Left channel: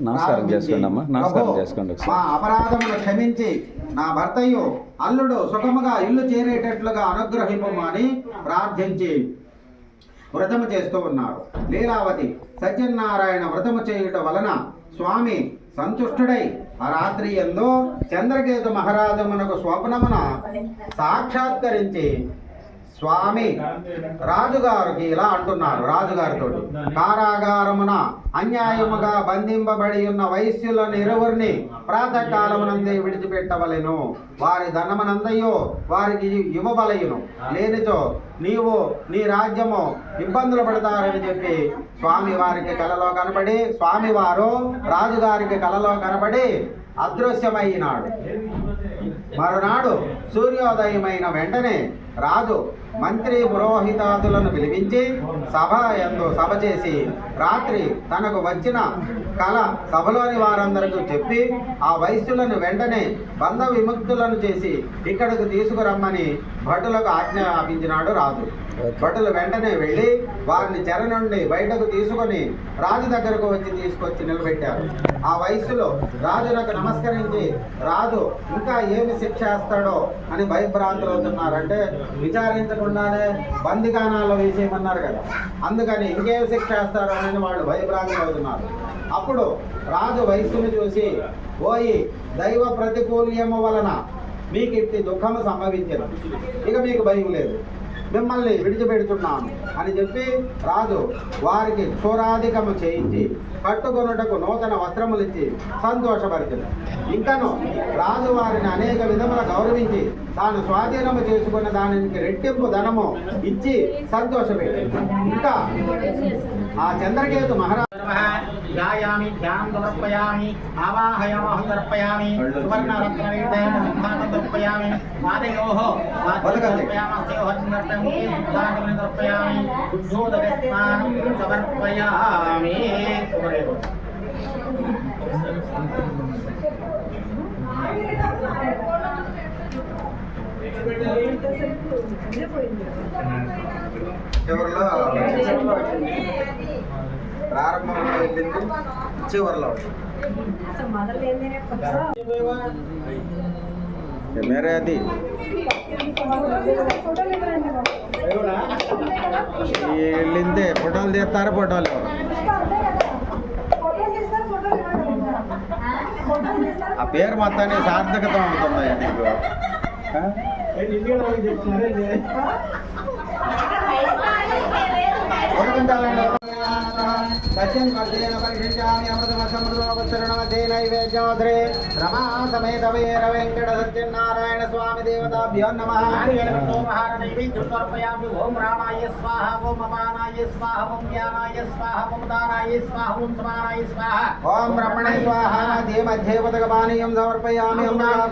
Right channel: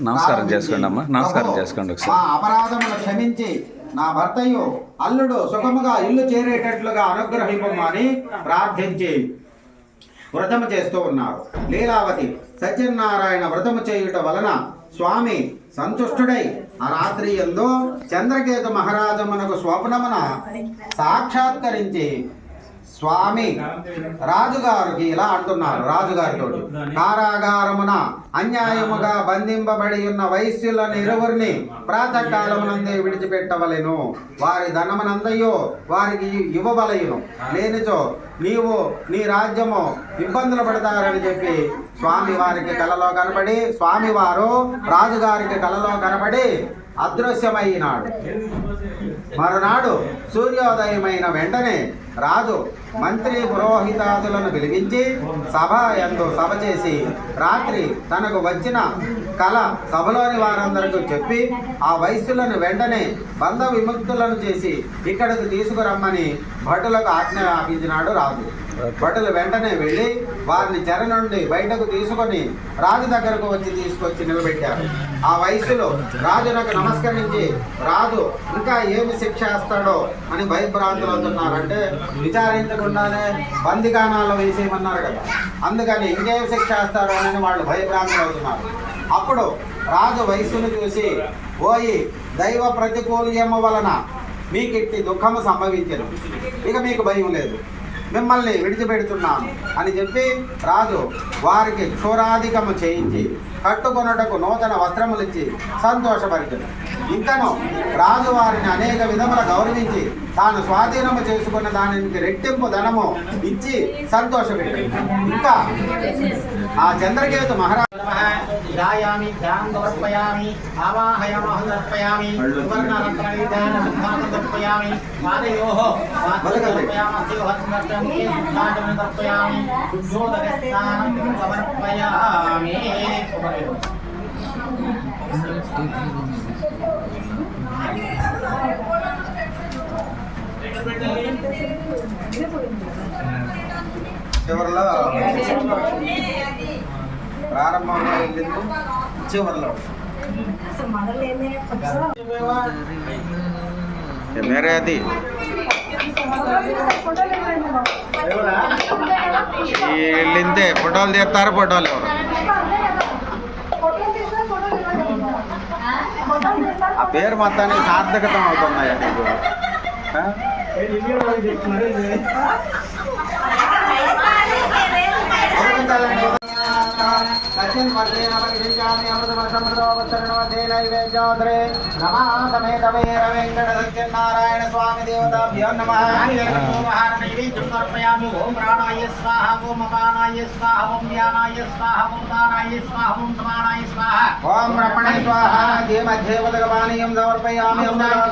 నమస్కారం చేసుకోండి అమ్మా. నమస్కారం చేసుకోండి. అపరాధమును క్షమించి నా భర్తయు అల్లుడు సుఖముగా ఇల్లు చేరేటట్లుగా అనుగ్రహింపమని ప్రార్థించి వ్రతము చేస్తూ ఉన్నారు. లీలావతి సత్యనారాయణ వ్రతము చేయుట వలన స్వామి సంతుష్టుడై ఆ రాత్రి యందు చంద్రకేతు మహారాజమునకు స్వప్నమున సాక్షాత్కరించి స్వామి రాజుగారికి ఇలా అంటున్నారు. రాజుగారితో, కారాగారమున అన్యాయముగా బంధింపబడి ఉన్న వైశ్యులను ఇరువురిని ప్రాతకాలమునందే విడిచిపెట్టవలెను. వారి ధనమునందయో వారికి ఇవ్వవలెను. లేనిచో నీవు నీ రాజ్యము ఇబ్బందులు పడతారని చెప్పి స్వామి వారికి కలలో కనబడి, స్వామివారు రాజుగారికి కలలో కనబడి అదృశ్యమైనాడు. మరునాడు సూర్యోదయమైన వెంటనే రాజు మంత్రి పురోహితాదులను పిలిపించి సభ చేసి రాత్రి తనకు వచ్చిన కళ సభలోని వారందరికీ చెప్పి ఆ వైశ్యులను వెంటనే బంధ విముక్తులను చేసి ఇక్కడికి తీసుకురమ్మని భటులకు ఆజ్ఞాపించినాడు రాజు. భటులు వెంటనే వెళ్ళి వారిని చెర నుండి బయటకు తీసుకొని రాజు దగ్గరకు తీసుకొచ్చి నిలబెట్టారు. ఆ వైశ్యులు రాజునకు నమస్కరించి రాజు ఇంకా ఏమి శిక్ష వేస్తాడో అని భయభ్రాంతులు అవుతున్నారు. అంటే విచారించకుండానే బందిగానాల్లో వేసేయమన్నారు కదా, అందుకని ఇంకేం శిక్ష వేస్తాడో అని వాళ్ళు భయభ్రాంతులు అవుతున్నారు. అప్పుడు రాజు వైశ్యును చూసి, ఓయి దైవ ప్రతికూల్యము వలన మీకు ఇట్టి దుఃఖము సంభవించను, ఇక మీకు భయం లేదు, మిమ్మల్ని విడిచిపెడుతున్నాను అని చెప్పి రాజు వారికి క్షోరాధికము చేయించి కట్టుకొనుటకు నూతన వస్త్రములు ఇచ్చి సంతోషపరిచింది. ఇంకను రాజు వారిని అనేక విధముల గౌరవించి తాను స్వాధీనము చేసుకున్న దానికి రెట్టింపు ధనము ఇచ్చి సంతోషపెట్టింది. ఇంకా ఆ చంద్రకేతు మహారాజు ध्यायामि ध्यानं समर्पयामि आवाहयामहं समर्पयामि सुवर्णरत्नविधेन सिद्धान्तं समर्पयामि पादयोः समर्पयामस्योः समर्पयामि शुद्धोदकस्नानं समर्पयामि. చివరిలో ప్రారంభంలో వెళ్ళింది, చివరిలో మేరే అది వెళ్ళిందే. ఫోటోలు తీస్తారు, ఫోటోలు ఎవరు ఆ పేరు మొత్తానికి సార్థకత అవుతున్నాయా నీకు? रमा समेत वीर वेंकट सत्यनारायण स्वामी देवताभ्यो नमः. ओम प्राणाय स्वाहा, ओम अपानाय स्वाहा, ओम ज्ञानाय स्वाहा, ओम दानाय स्वाहा, ओम समानाय स्वाहा. ओम ब्रह्मणे स्वाहा. मध्ये पदगमानियं समर्पयामि.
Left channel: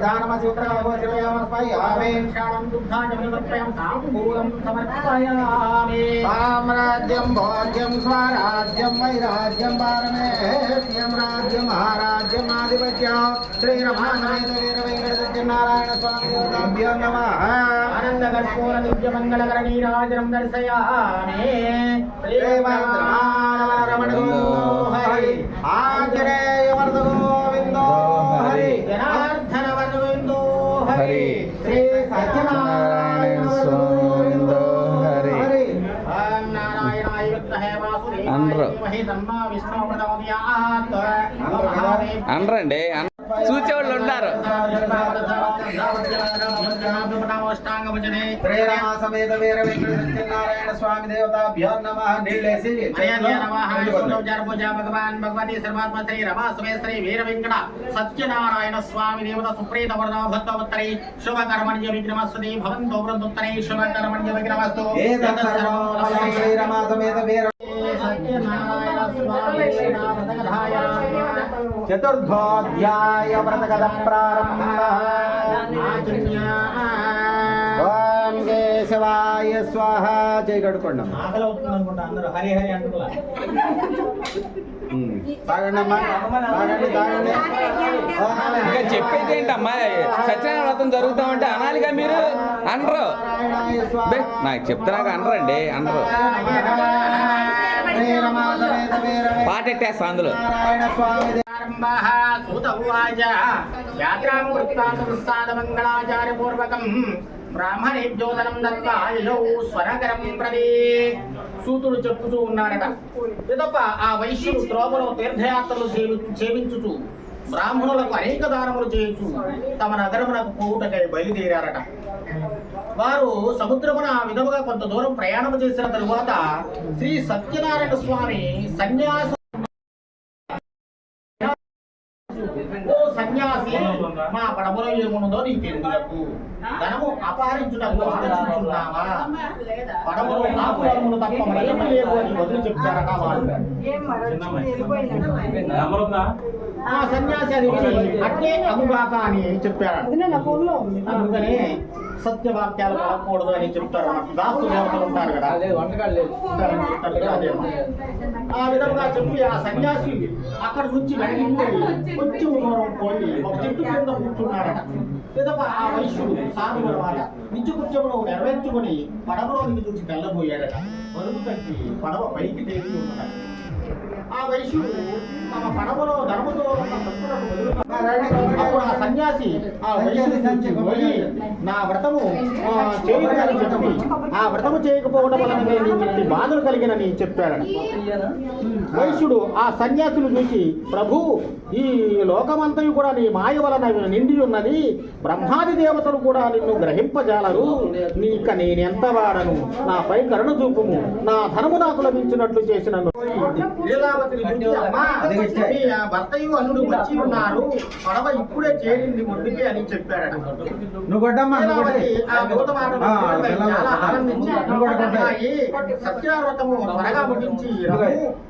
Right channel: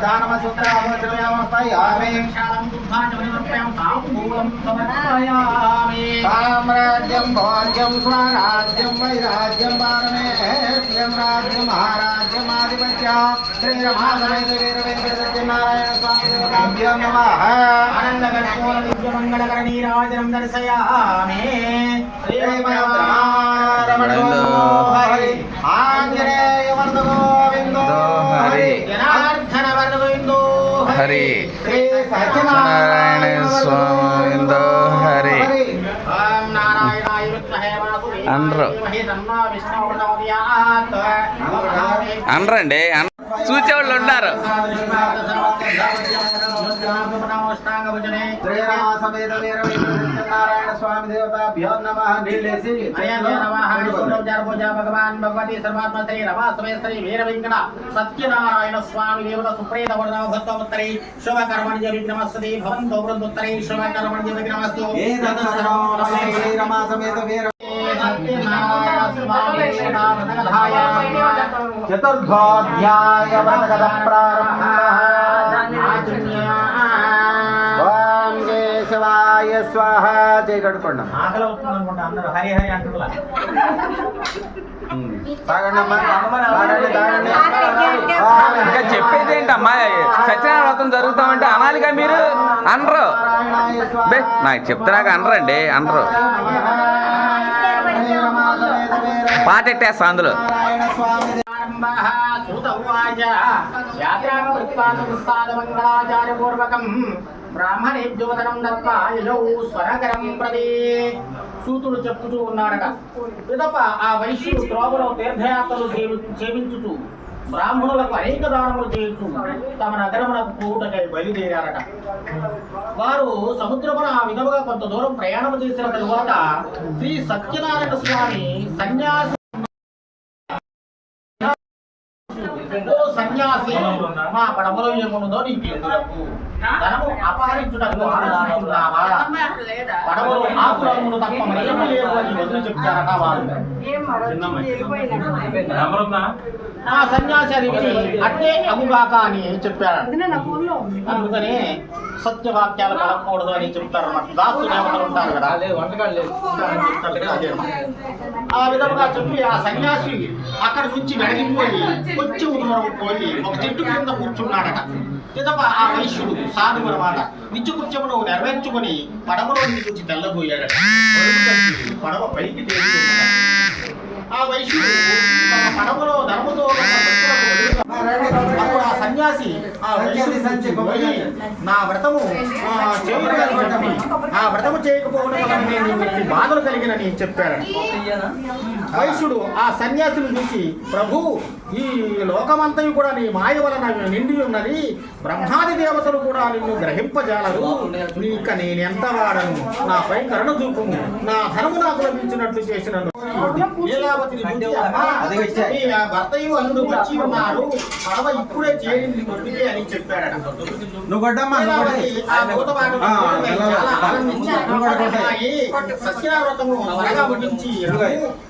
दानमसूत्रमोचयामि. शालं दुग्धां समर्पयामि. ताम्बूलं समर्पयामि. साम्राज्यं भोज्यं स्वराज्यं वैराज्यं पारमेष्ठ्यं राज्यं महाराज्यं आधिपत्यं श्रीरमासमेत वीर वेंकट सत्यनारायण स्वामी देवताभ्यो नमः. आनन्दकर्पूर दिव्यमङ्गलकर नीराजनं दर्शयामि. श्रीमन्नारायण हरि आञ्जनेय वर्ध गोविन्दो हरि जनार्दन वर्ध गोविन्दो हरि श्री सत्यनारायण स्वामी हरि. ओम नारायणाय विद्महे అనరండి, చూసేవాళ్ళు ఉన్నారు. नारायण स्वामी देवताभ्यो नमः. नीलेसी भगवान भगवती सर्वात्मा श्री रमा समेत श्री वीर वेंकट सत्यनारायण स्वामी देवता सुप्रीत वरदाव भक्तवत्तरे शुभ कर्मण्य विघ्नमस्तु भवन्तो वृन्दोत्तरे शुभ कर्मण्य विघ्नमस्तु. श्री रमा समेत वीर सत्यनारायण स्वामी देवताय चतुर्थोऽध्याय व्रतकथा प्रारम्भः. ఓం కేశవాయ స్వాహ. చేయగడుకోండి ఆకలి అవుతుంది అనుకుంటా, అందరూ హరి హరి అంటున్నా. తాగండి తాగండి. చెప్పేది ఏంటమ్మా, సత్యనారాయణ వ్రతం జరుగుతామంటే అనాలిగా మీరు. అనరు బే నాకు చెప్తున్నాక అనరండి అనరు పాటెట్టేస్తా అందులో యాత్రాంగృత్వాచార్యపూర్వకం బ్రాహ్మణేభ్యోదనం దత్వా యయౌ స్వరకరం ప్రతి సూతుడు చెప్పుతూ ఉన్నాడట. పిదప ఆ వైశ్యుడు త్రోవలో తీర్థయాత్రలు సేవించుచు బ్రాహ్మణులకు అనేక దానములు చేయించు తమ నగరమునకు పోవుటకై బయలుదేరారట. వారు సముద్రమున ఆ విధముగా కొంత దూరం ప్రయాణం చేసిన తరువాత శ్రీ సత్యనారాయణ స్వామి సన్యాసి సన్యాసి మా పడవలో ఏమున్నదో నీకు ఎందులకు ధనము అపహరించుటకు ఆలోచిస్తున్నావా? పడవలో ఆకురములు తప్ప మరేమీ లేదు అని వదిలి చెప్తారట వారు. ఆ సన్యాసి అది అట్టే అగుగాక అని చెప్పారు. అందుకనే సత్యవాక్యాలు పడకూడదు అని చెప్తారు. దాసు దేవతలు ఉంటారు కదా, ఆ విధంగా చెప్పి ఆ సన్యాసి అక్కడి నుంచి వెనక్కిపోయి కొంచెం దూరం పోయి ఒక చెట్టు కింద కూర్చున్నాడట. పిదప ఆ వైశ్యుడు సాధువు అన్నమాట నిత్యకృత్యమును నెరవేర్చుకుని పడవలో నుంచి తెల్లబోయాడట. పడవ పైకి తేలి ఉన్నదట. ఆ వైశ్యుడు తమ పడవలో ధనముతో అప్పుడు ఆ సన్యాసి ఆ వైశ్యుడి పోయి నా వ్రతము చేయదని చెప్పి ఆ వ్రతము చేయకపోవడం వల్ల నేను బాధలు కలిగినని చెప్పారని. వైశ్యుడు ఆ సన్యాసిని చూసి ప్రభు ఈ లోకమంతయు కూడా నీ మాయ వలన నిండి ఉన్నది, బ్రహ్మాది దేవతలు కూడా నిన్ను గ్రహింపజాలరు, నీక నేనెంత వాడను, నాపై కరుణ చూపుము, నా ధనము నాకు లభించినట్లు చేసినను. లీలావతిని చూసి అమ్మా నీ భర్తయు అల్లుడు వచ్చి ఉన్నారు, పడవ ఇప్పుడే చేరింది ముందుకే అని చెప్పాడట. చాలా ఆనందించి సత్యావ్రతము త్వరగా ముగించి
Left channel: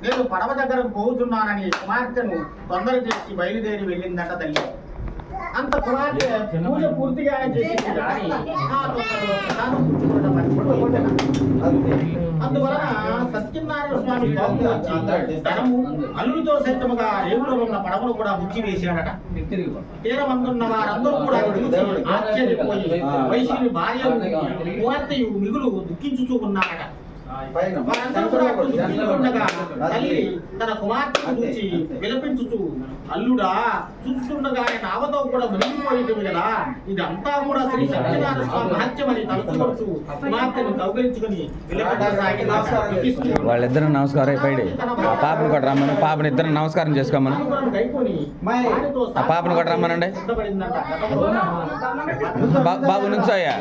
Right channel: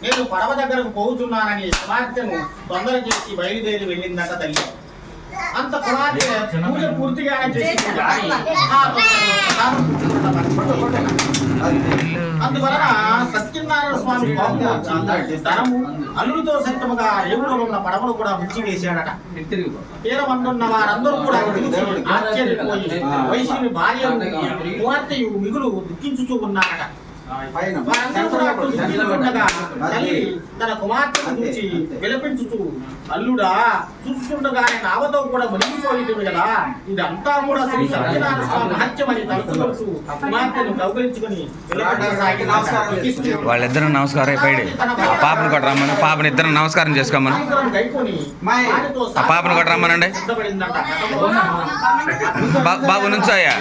నేను పడవ దగ్గరకు పోతున్నానని కుమార్తెను తొందర చేసి బయలుదేరి వెళ్ళిందట తల్లి. అంత కుమార్తె పూజ పూర్తిగానే చేసింది కానీ అందువలన సత్యనారాయణ స్వామి కోపం వచ్చి ధనము అల్లుడితో సైతముగా రేవులో ఉన్న పడవను కూడా ముంచి వేశాడట. తీరమందున్న వారందరూ కూడా ఆశ్చర్యపోయి వైశ్యుని భార్య కుమార్తెయు మిగులు దుఃఖించుతూ ఉన్నారట. వారందరూ కూడా దుఃఖించుకుండగా తల్లి తన కుమార్తెను చూసి విలపించుతూ అల్లుడా చూస్తుండగానే నావతో కూడా మునిగిపోయింది కదా, ఇదంతా కూడా శ్రీ సత్యనారాయణ స్వామి మహత్యమని తలుచుకుంటూ కుమార్తెను కౌగిలించుకుని వాళ్ళిద్దరు నమస్కారం అయిపోయాడు. ఆ పాపను కూడా రమ్మని పాపని ఇద్దరు నమస్కారం చేసుకోమని ఆ పాపను కూడా రమ్మనండి. బాబు నుంచోయ్యా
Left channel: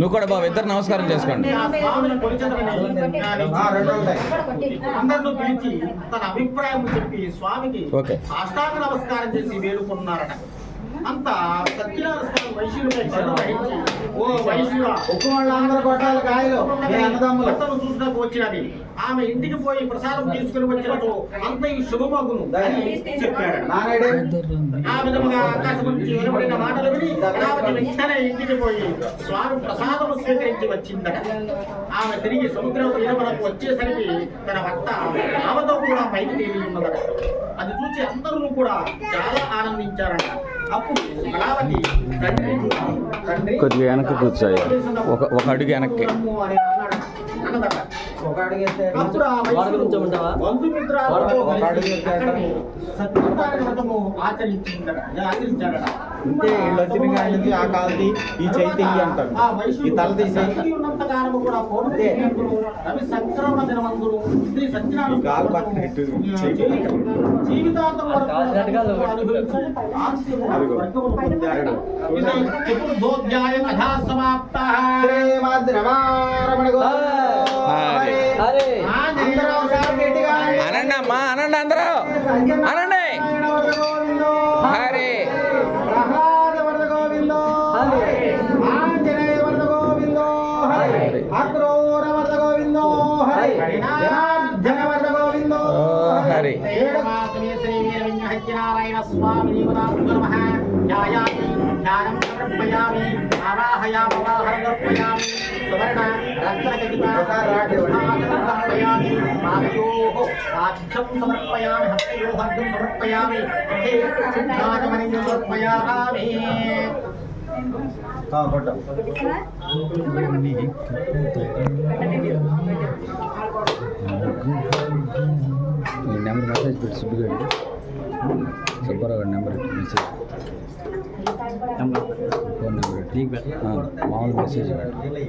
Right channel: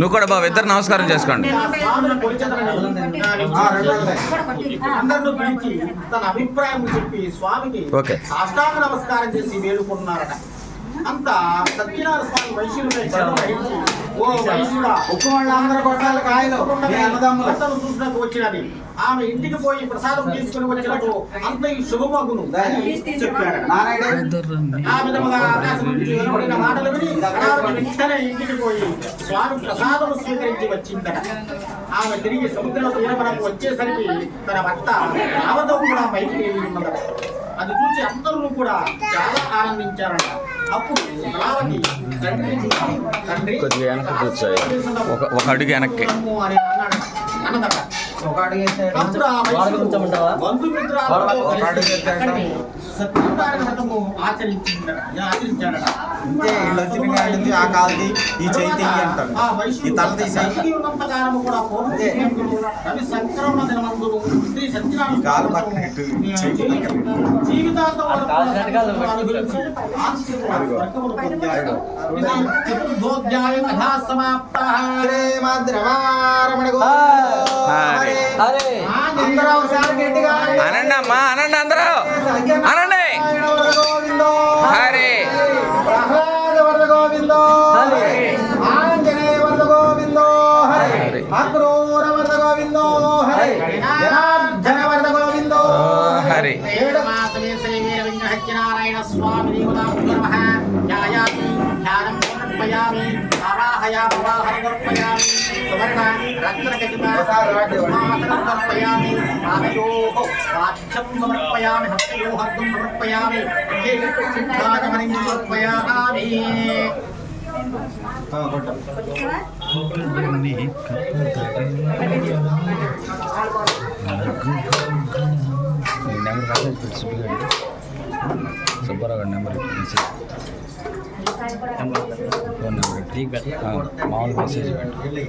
నువ్వు కూడా బాబు ఇద్దరు నమస్కారం చేసుకోండి. తన అభిప్రాయం చెప్పి స్వామికి సాష్టాంగ నమస్కారం చేసి వేడుకున్నారట. అంత సత్యనారాయణ స్వామి వైశ్యులపై ఓ వైశ్యుడా చూసినకు వచ్చినది, ఆమె ఇంటికి పోయి ప్రసాదం తీసుకుని వచ్చినట్టు అంత ఈ శుభమగును అని చెప్పాడు. ఆ విధముగా ఆకాశం నుంచి వినబడిన మాటలు విని వెంటనే ఇంటికి పోయి స్వామి ప్రసాదం స్వీకరించి వచ్చిందట. ఆమె తిరిగి సముద్రం తీరవరకు వచ్చేసరికి తన భర్త రావతో కూడా పైకి తేలి ఉన్నదట. అది చూసి అందరూ కూడా చాలా ఆనందించారట. అప్పుడు కళావతి తండ్రి కొద్దిగా వెనక్కి కూర్చోవాలి, ఒక అడుగు వెనక్కి. ఈ చైతన్య అంటారు, ఈ తల తీసి ఉన్నంతకాలము కూడా రవి సంక్రమణ దినమందులు శ్రీ సత్యనారాయణ జీవితాంతం అనండి అమ్మా, అనండి అందరూ అనండి. హరే ప్రహ్లాద వరద గోవిందో హరే, ఆంజనేయ వరద గోవిందో హరే, అక్రూర వరద గోవిందో హరే, జనార్దన వరద గోవిందో హరే. శ్రీ వీర వెంకట సత్యనారాయణ స్వామి దేవతాభ్యో నమః. ध्यानं समर्पयामि आवाहयामि सुवर्ण रत्नखचितासनं समर्पयामि पादयोः पाद्यं समर्पयामि हस्तयोः हस्तं समर्पयामि मुखे सिद्धाचमनिं समर्पयामि నెంబర్ మెసేజ్ పెట్టి సుబ్బిగాడి సుబ్బారావు గారి నెంబర్ మెసేజ్ ఫోన్ నెంబర్ మామూలు మెసేజ్ పెట్టి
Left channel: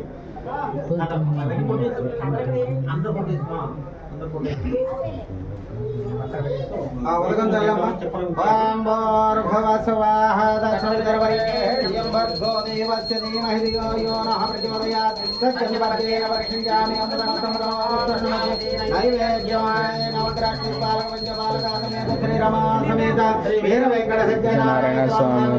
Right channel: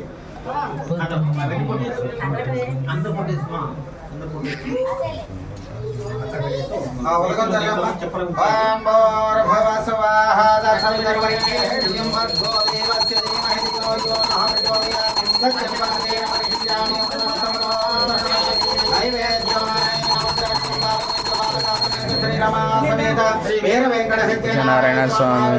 నారాయణ స్వామి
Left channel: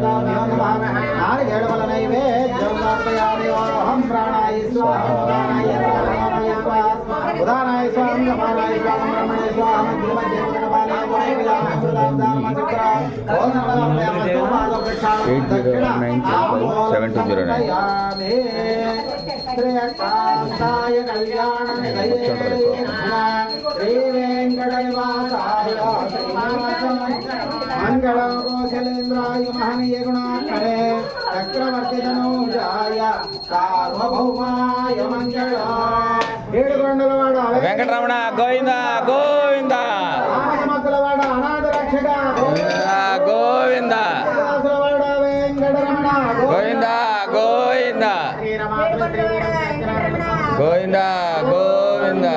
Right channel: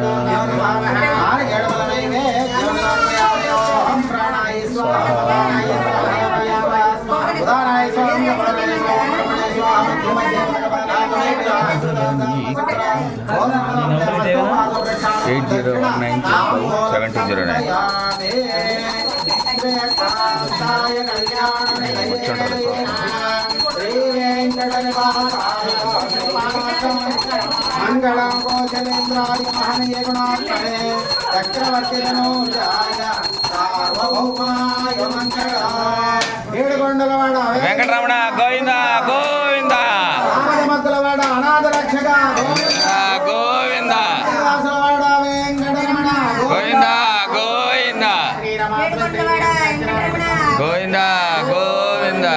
ఉదానాయ స్వామి అపరాయ స్వామి ఎయిట్ 01972 మంగళం కోశలేంద్రాయ మహనీయ గుణాత్మనే చక్రవర్తి ధనుజాయ సార్వభౌమాయ మంగళం. ఏడుకొండలవాడ వెంకటరమణ గోవింద గోవింద మద్దలవాడ అనాథ రక్షక గోవింద వెంకటరమణ గోవింద గోవింద గోవింద గోవింద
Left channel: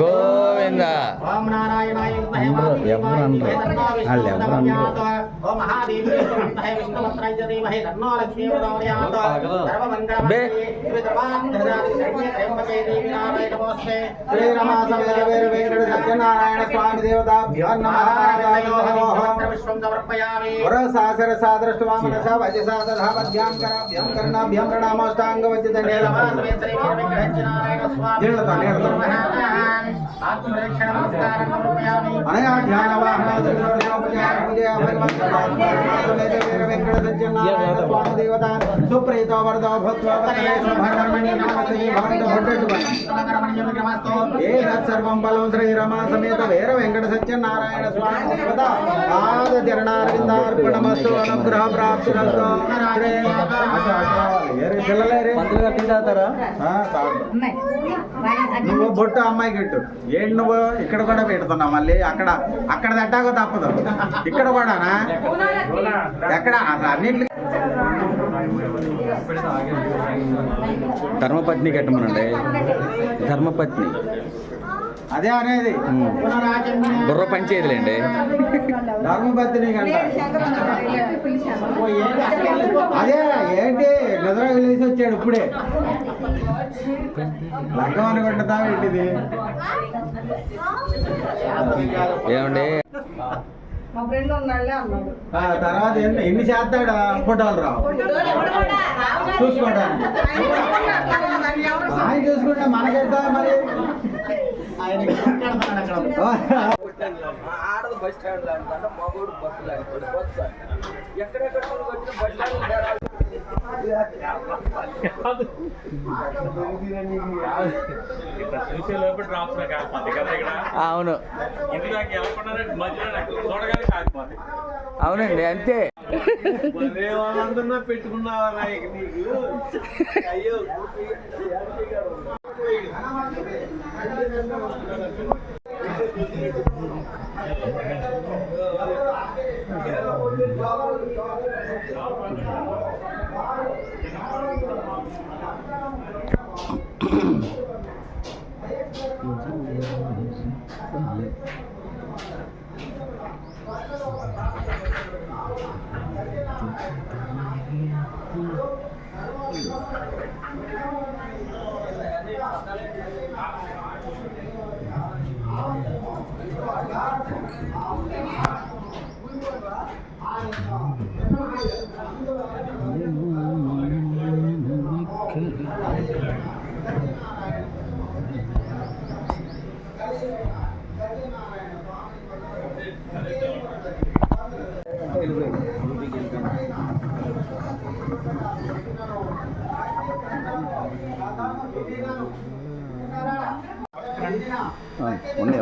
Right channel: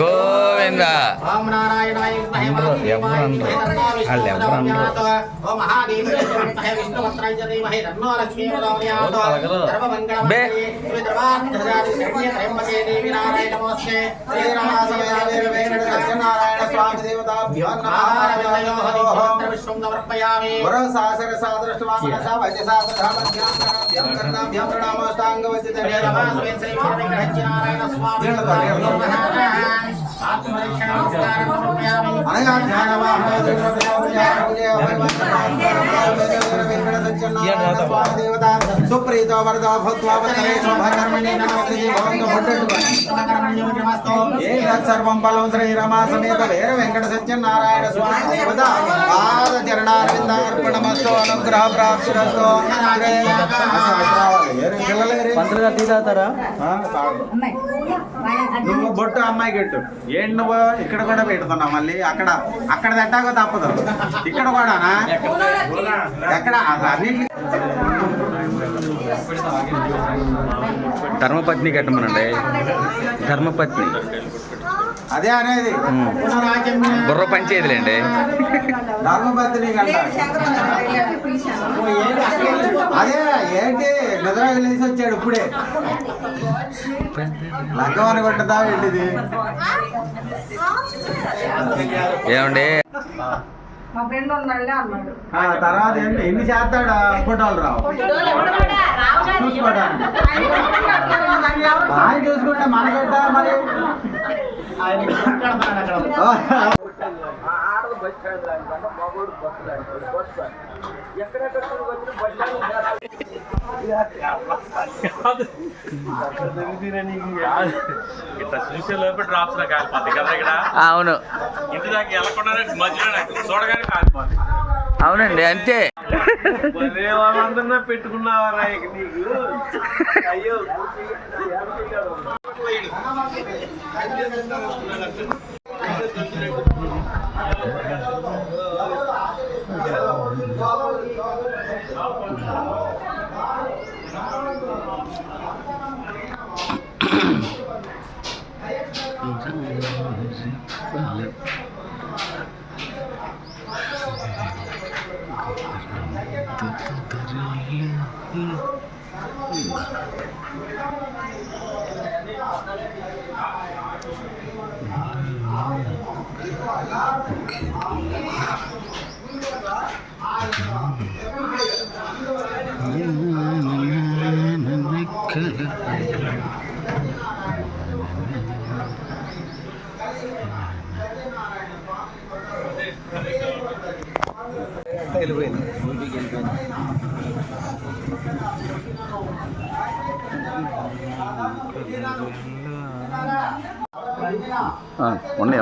గోవింద అనరు ఎవరు అనరు వాళ్ళు ఎవరు అనరు బే సత్యనారాయణ స్వామి దేవతాభ్యాం సుప్రీత వరద సర్వం బలం శ్రీ రమా సమేత వీర వెంకట సత్యనారాయణ స్వామి దేవత పాద చరణారవిందార్పణమస్తు అనుగ్రహ ప్రాప్తిరస్తు. నువ్వు బొట్టు అమ్మాయికి ఇట్టు ఏంటి నువ్వు ఇక్కడ కూడా పెడుతున్నావు మళ్ళీ అక్కడ అక్కడ తట్టాక తప్పదు ఇక్కడ కూడానా ఎక్కడ అన్నింటి ధర్మపత్ని కట్టమనండి ధర్మపత్ని అదే అనేది బుర్ర పంచేదిలేండి ధర్మపత్ని కంట అదే ఏంటి నిద్ర వెళ్ళేసి వచ్చాడు ఇప్పుడే లగ్గం అని కొట్టదా ఏంటిది ఏమండి తర్వాత ఎన్ని చేస్తాడా ఫోటోలు రావు చూసుకోవడానికి ఆయన చూసుకుంటే మనకెట్టా మరి అవును అవునండి అంతే పెట్టుకున్నావరా నీకు అయ్యో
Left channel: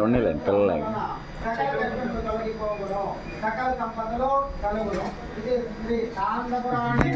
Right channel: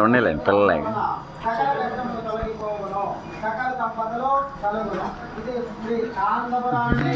ఉండేలేండి పిల్లలే. సకల సంపదలో కలుగును. ఇది శ్రీ ఆంధ్రపురాణి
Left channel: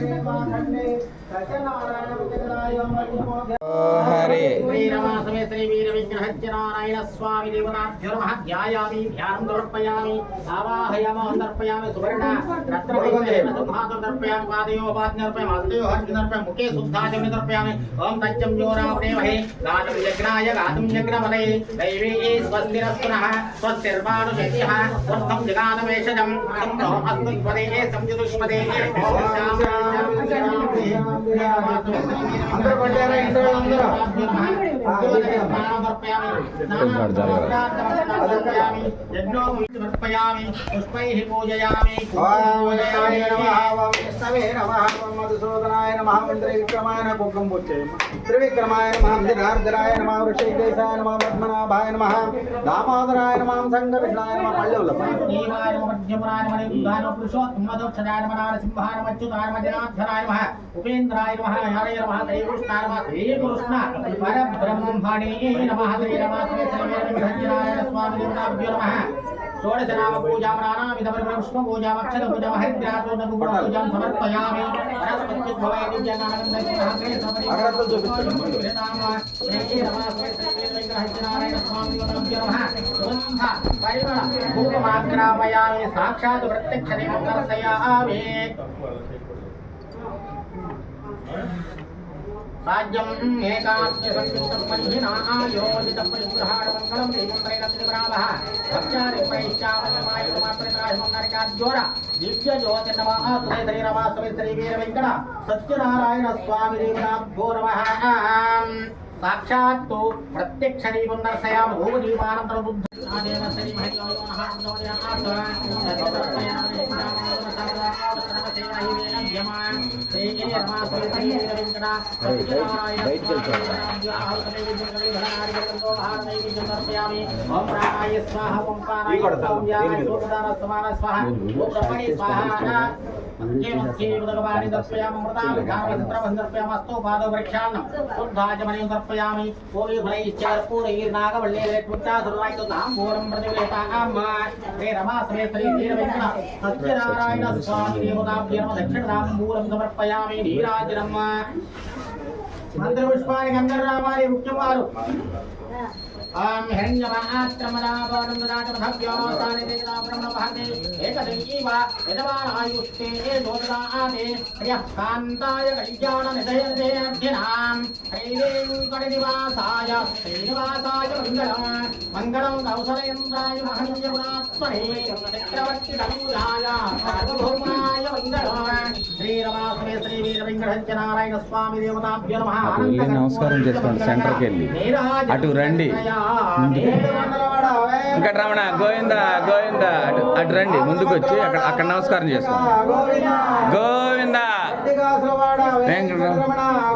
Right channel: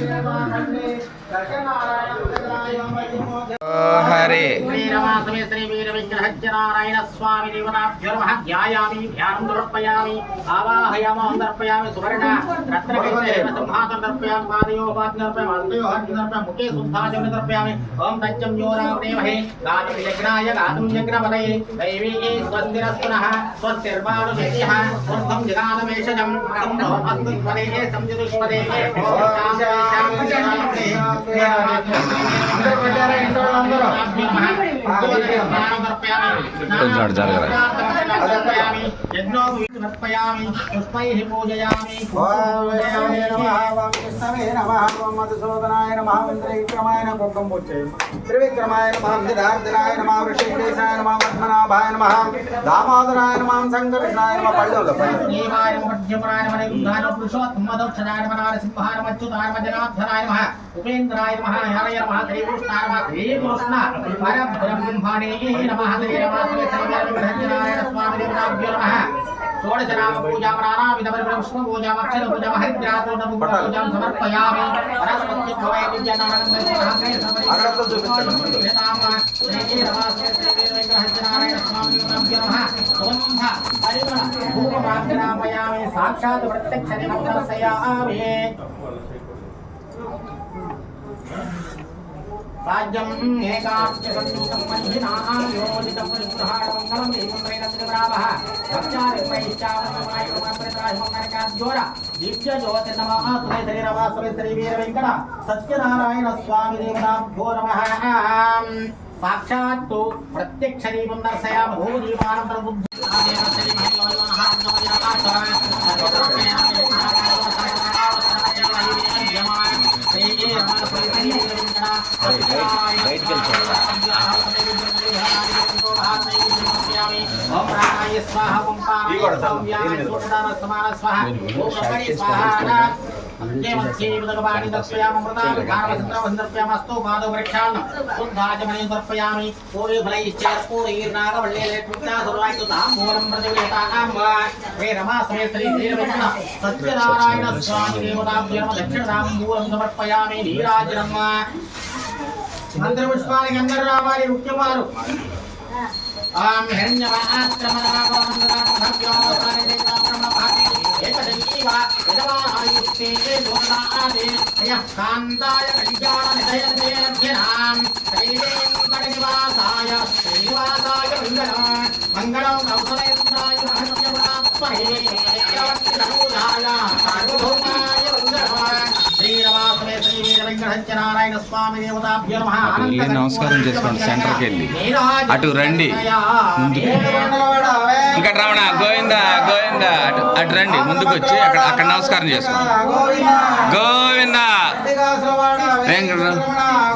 హరే శ్రీరమాసమే శ్రీ వీర విగ్రహజ్జనారాయణ స్వామి దేవతాభ్యో నమః. ధ్యాయామి ధ్యానం సమర్పయామి ఆవాహయామి సమర్పయామి సువర్ణ రత్నకైతేన సింహాసనం సమర్పయామి పాదయో పాద్యం సమర్పయామి హస్తయో హస్తం సమర్పయామి ముఖే శుద్ధాచం సమర్పయామి. ఓం తచ్చం యోరామదేమహే గాతం యజ్ఞాయ గాతం యజ్ఞపదే దైవీ స్వస్తిరస్తునః స్వస్తిర్మాను జయః వర్ధం జగానమేషజం సంభో అస్మద్వదే సంజుదుష్పదే. కొంచెం అటు జరగరా. మధుసూదనాయ నమః త్రివిక్రమాయ కుక్కం త్రివిక్రమాయ నమః దినార్దనాయ నమః ఋషికేశాయ నమః పద్మనాభాయ నమః దామోదరాయ నమః సంకర్షణాయ నమః పళ్ళుల ఉపేంద్రాయ నమః హరయ నమః శ్రీకృష్ణాయ నమః శ్రీకృష్ణ పరబ్రహ్మణే నమః శ్రీరమాసనారాయణ స్వామి దేవతాభ్యో నమః. షోడశనామ పూజా ప్రాణామిద పుష్ప పూజా అక్షర పూజా హరిద్రాచూర్ణ పూజా సమర్పయామి. సాక్షాత్ ప్రత్యక్ష దర్శయామి. రాజ్యం ఏకాంత్య సంయుక్తం పరిహినాయోజితం పరిగృహాణమంగళం దేవంత్రైన త్రిపురావః భక్త్యాది ప్రైష్టామయమాయ కుమారప్రతిరాజమంగళకాద్యోర దివ్య జ్యోతి నమః తులే శరీరవాసవే శ్రీ వీర వెంకట సత్యనారాయణ స్వామి దేవతాభ్యో నమః. సాక్షాత్తు ప్రత్యక్ష దీపం దర్శయామి. భూజీవానంతర బుద్ధి సత్యనారాయణ స్వామి దేవతాభ్యో నమః. దక్షిణతాంబూలం సమర్పయామి. నీరాజనం మంత్రపుష్పానికి అందరూ రావాలి. ముఖ్యవారు కాంతాయ కళ్యాణ నిధయనిధేర్ధినాం శ్రీవేంకటనివాసాయ శ్రీనివాసాయ మంగళం కౌసలేంద్రాయ మహత్యగుణాత్మనే చక్రవర్తి తనూజాయ సార్వభౌమాయ మంగళం. శ్రీరమాసమే శ్రీ వీర వెంకటనారాయణ స్వామి దేవతాభ్యో నమః. వెళ్ళి నమస్కారం చేసుకోండి. సెంటర్కి వెళ్ళి అటు రండి. ఇంకా రమణ గోవింద గోవింద అటు రండి. ముందుకు వచ్చి అక్కడ నమస్కారం చేసుకోండి. గోవింద వెంకట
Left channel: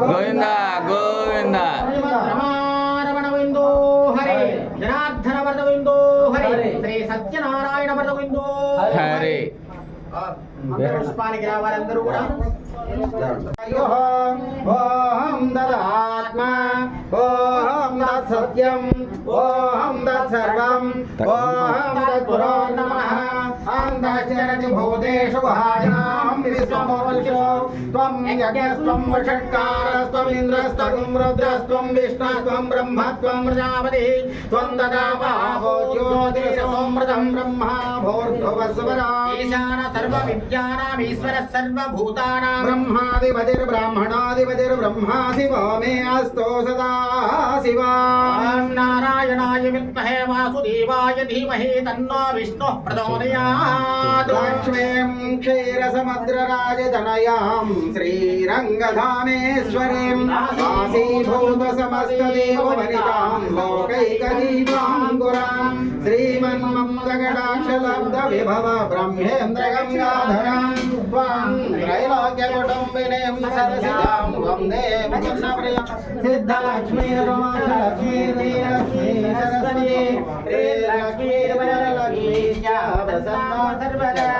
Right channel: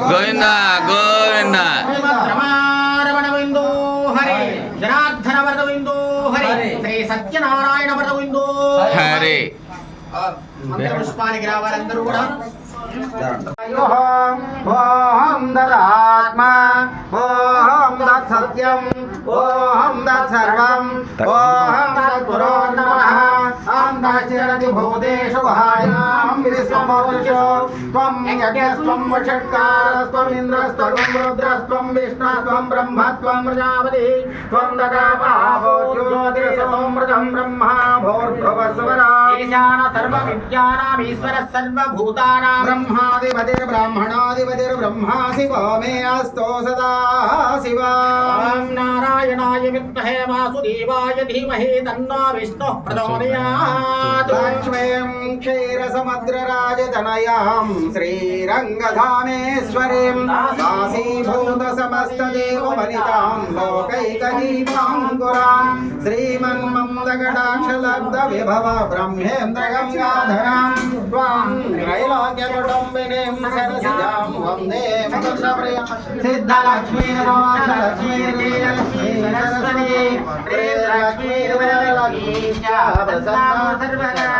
గోవింద గోవింద రమణ విందో హరే జనార్దన వరద విందో హరే శ్రీ సత్యనారాయణ వరద విందో హరే. పుష్పానికి రావాలందరూ కూడా. ఓం దదాత్మ ఓం దత్సత్యం ఓం దత్సర్వం ఓం తత్పురో నమః. అంతశ్చరతి భూతేషు గుహాయాం విశ్వమౌర్యో త్వం యజ్ఞస్త్వం వషట్కారస్త్వం ఇంద్రస్త్వం రుద్రస్త్వం విష్ణుస్త్వం బ్రహ్మత్వం ప్రజాపతి త్వం దదాపావో జ్యోతిరసోమృతం బ్రహ్మా భూర్భువస్వరా ఈశాన సర్వ విద్యానామీశ్వర సర్వభూతానాం బ్రహ్మాధిపతిర్బ్రహ్మణాధిపతిర్బ్రహ్మా శివో మే అస్తో సదా శివా. నారాయణాయ విద్మహే వాసుదేవాయ ధీమహి తన్నో విష్ణుః ప్రచోదయాత్. లక్ష్మీం క్షీరసముద్రరాజతనయాం శ్రీరంగధామేశ్వరీం కాశీభూత సమస్తదేవవనితాం లోకైకదీపాంకురాం శ్రీమన్మందకటాక్షలబ్ధ విభవ బ్రహ్మేంద్ర గంగాధరాం త్వాం త్రైలోక్యకుటుంబినీం సరసిజాం వందే మోక్షప్రియం సిద్ధలక్ష్మీర్వాసలక్ష్మీర్జయలక్ష్మీ సరస్వతీ శ్రీలక్ష్మీర్వరలక్ష్మీ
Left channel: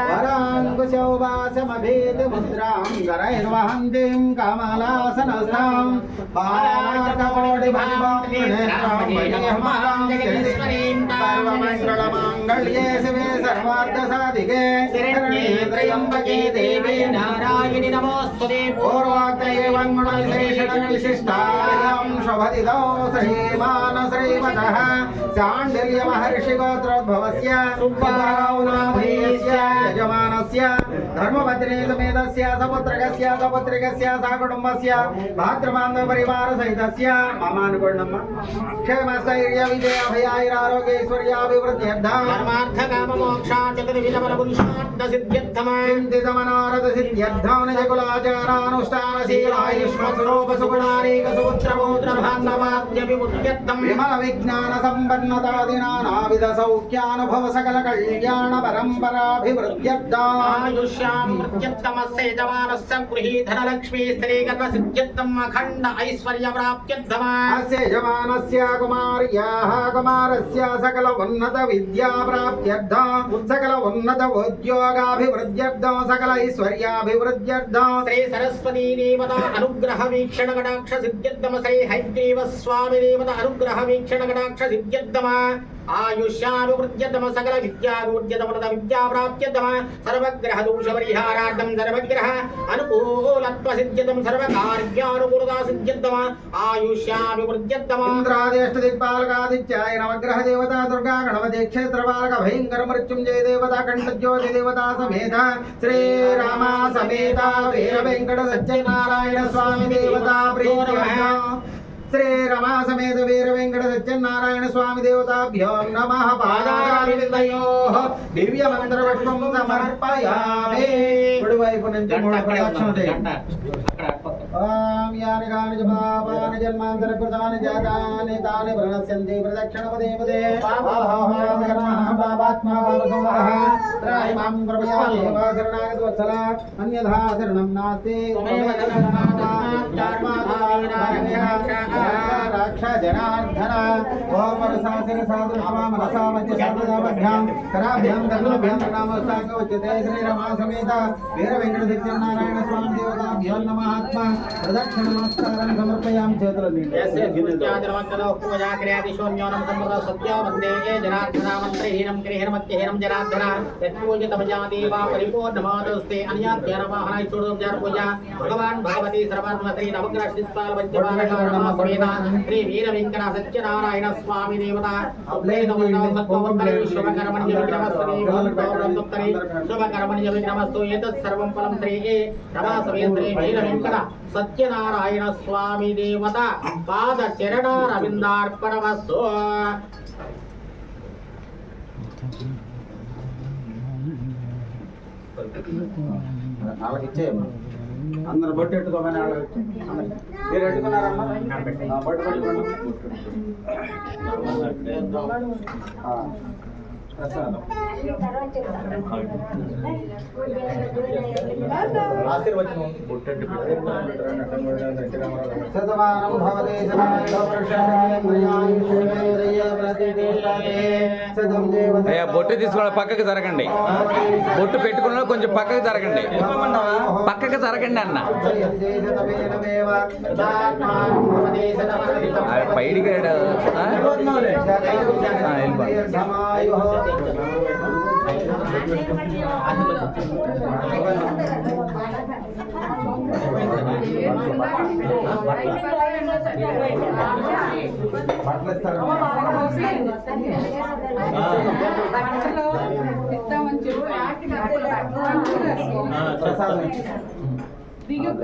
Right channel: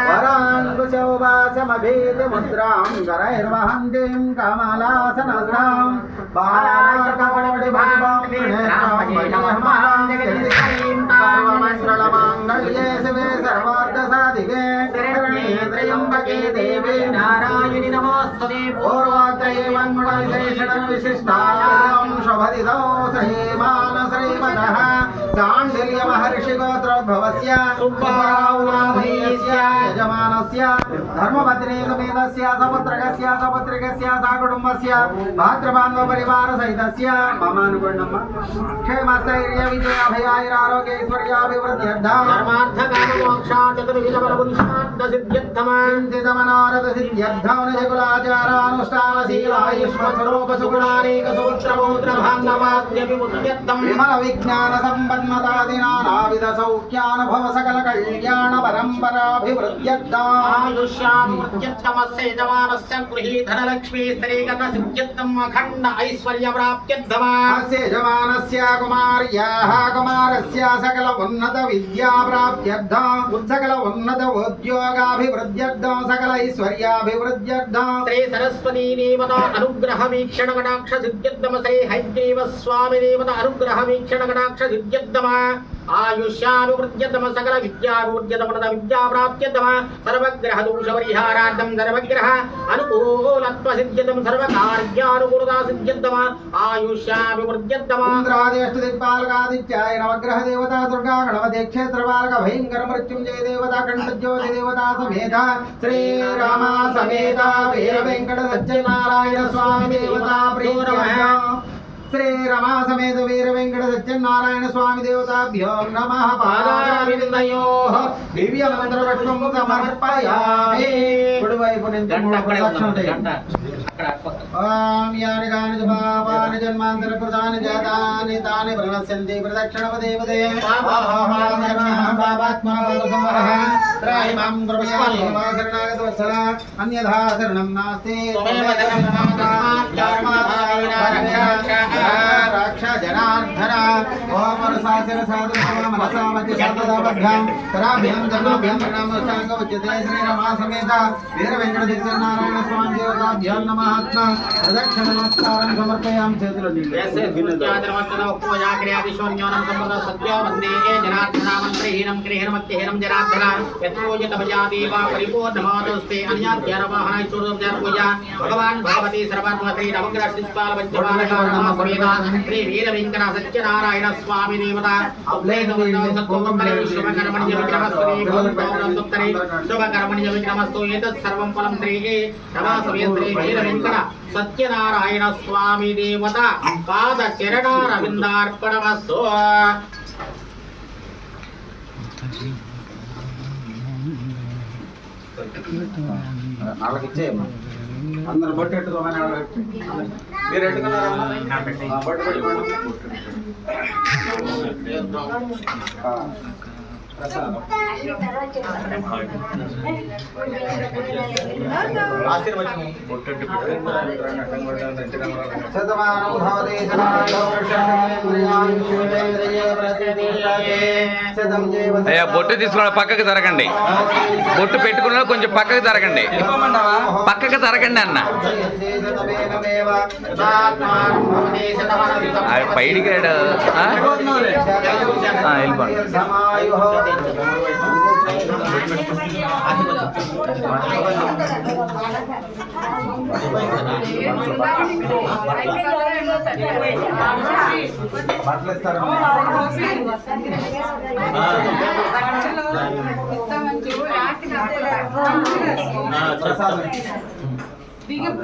వరాంకుశ శౌవాసమభేతి ముద్రాం గరైర్వహంతిం కమలాసనస్థాం సర్వమంగళమాంగళ్యే శివే సర్వార్థసాధికే త్రయంబకే దేవీ నారాయణి నమోస్తుతే పూర్వోక్తయేవం విశిష్టాయాం శుభదిదో శ్రీమాన శ్రీమతః చాండిల్య మహర్షి గోత్రోద్భవస్య సుబ్బావునామీస్య యజమానస్య ధర్మపత్ని సమేతస్య సపుత్రకస్య సపుత్రికస్య సకుటుంబస్య భాతృబాంధవ పరివార సహితస్య మమ అనుకోండమ్మ క్షేమస్థైర్య విజయ భయారోగ్యైశ్వర్యాభివృద్ధ్యర్థం ధర్మార్థ కామ మోక్ష చతుర్విధ బల పురుషార్థ సిద్ధ్యర్థమా చింతితమనారద సిద్ధ్యర్థం నిజకులాచారానుష్ఠాన శీలాయుష్మస్వరూప సుగుణానేక సుపుత్రపౌత్ర భాండవాద్యపి ముఖ్యర్థం విమల విజ్ఞాన సంపన్నతాదినానావిధ సౌఖ్యానుభవ సకల కళ్యాణ పరంపరాభివృద్ధ్యర్థం ఆయుష్యాభివృద్ధ్యర్థమస్య యజమానస్య గృహీ ధనలక్ష్మీ స్త్రీగత సిద్ధ్యర్థం అఖండ ఐశ్వర్య ప్రాప్త్యర్థమా అస్య యజమానస్య కుమార్యాః కుమారస్య సకల ఉన్నత విద్యా ప్రాప్త్యర్థం సకల ఉన్నత ఉద్యోగాభివృద్ధ్యర్థం సకల ఐశ్వర్యాభివృద్ధ్యర్థం శ్రీ సరస్వతీ దేవత అనుగ్రహ వీక్షణ కటాక్ష సిద్ధ్యర్థమ శ్రీ హైగ్రీవ స్వామి దేవత అనుగ్రహ వీక్షణ కటాక్ష సిద్ధ్యర్థమ ఆయుష్యాభివృద్ధ్యర్థమ సకల విద్యాభివృద్ధ్యర్థమ విద్యా ప్రాప్త్యర్థమ సర్వగ్రహ దోష పరిహారార్థం సర్వగ్రహ అనుకూలత్వ సిద్ధ్యర్థం సర్వకార్యానుకూలతా సిద్ధ్యర్థమ ఆయుష్యాభివృద్ధ్యర్థమ ఇంద్రాదేష్ట దిక్పాలకాదిత్యాయ నవగ్రహ దేవత దుర్గా గణపతి క్షేత్రపాలక భయంకర మృత్యుంజయ దేవత కంఠజ్యోతి దేవత సమేత శ్రీరామ సమేత వీర వెంకట సత్యనారాయణ స్వామి దేవత ప్రీత్యర్థం శ్రీరమా సమేత వీర వెంకట సత్యనారాయణ స్వామి దేవతాభ్యో నమః పాదారవిందయోః దివ్య మంత్ర పుష్పం సమర్పయామి కుడివైపు నుంచి మూడు ప్రదక్షిణలు చేయండి. ఓం యాని కాని చ పాపాని జన్మాంతర కృతాని జాతాని తాని ప్రణశ్యంతి ప్రదక్షిణపదే పదే ఓం నమః పాపాత్మా సంవరః త్రైమాం కృపయామి శరణాగత వత్సల అన్యథా శరణం నాస్తి రక్ష జనార్దన ఓం వరసాశర సాధు మనసామతి సర్వదాభ్యాం కరాభ్యాం ధర్మాభ్యాం ప్రణామోత్సాంగవచ్యతే శ్రీరమా సమేత వీర వెంకట సత్యనారాయణ స్వామి దేవతాభ్యాం నమః ఆత్మ ప్రదక్షిణ నమస్కారం సమర్పయాం చేతుల భగవాన్ భగవతి సర్వాత్మ శ్రీ నవగ్రహ శ్రీపాల పంచబాలక శ్రీ వీర వెంకట సత్యనారాయణ స్వామి దేవత శుభకర్మణ్య విక్రమస్వరీ శుభకర్మణ్య విక్రమస్తు ఏతత్ సర్వం ఫలం శ్రీ రమా సమేత శ్రీ వీర వెంకట సత్యనారాయణ స్వామి దేవత పాద చరణారవిందార్పణమస్తు. వాళ్ళకి ఇచ్చేయమ్మా అందరు బొట్టు పెట్టుకోమని మీరు పెట్టుకున్నారమ్మా బొట్టు పెట్టుకోండి ప్రసాదం ఆశీర్వచనం శతమానం భవతి అయ్యా బొట్టు తీసుకున్న పక్కకి జరగండి, బొట్టు పెట్టుకున్న కొంచెం పక్కకి జరగండి, పక్కకి జరగండి అన్న. పైడికి వెళ్ళిపోండి.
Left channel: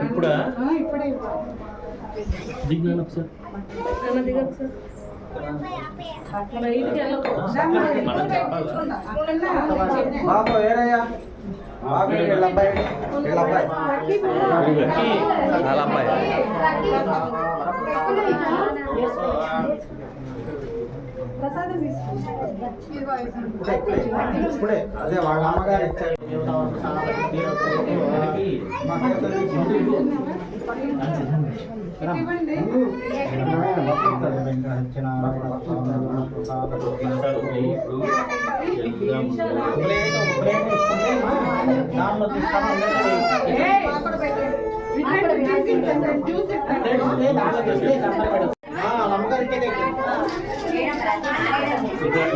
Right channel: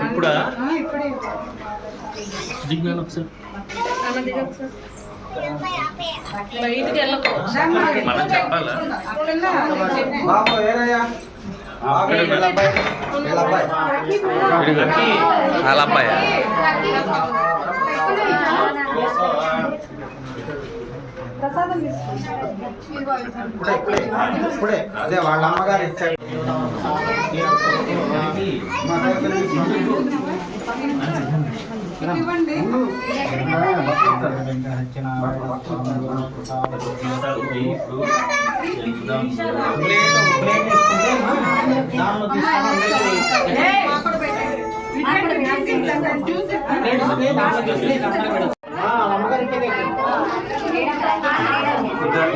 ఇప్పుడా దిగ్గాను ఒకసారి మనం చెప్పాలా బాబు ఏరయ్యా వాళ్ళ అబ్బాయి ఇప్పుడే అదే వాళ్ళ అమ్మగారు ఇచ్చారు. ప్లేట్ తీసుకుంటే దానిలో తీసుకొని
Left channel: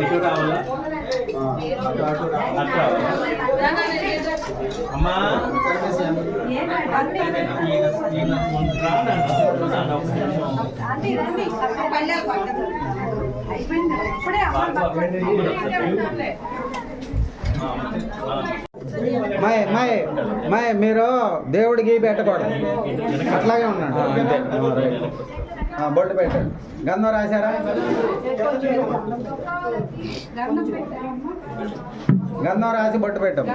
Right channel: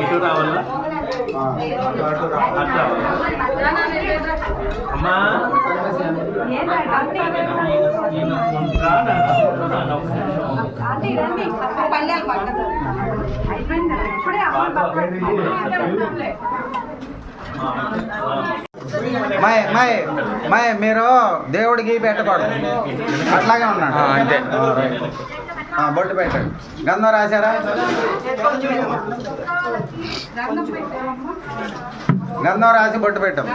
ఇటు రావాలా అట్లా అమ్మా మీరు దేవుడికి పెట్టకూడదు, అట్లాగే ఉన్నాడు. అంతే. బొట్టు పెట్టండి. గంధం రాశారా? గంధం రాసి బొట్టు పెట్టాం.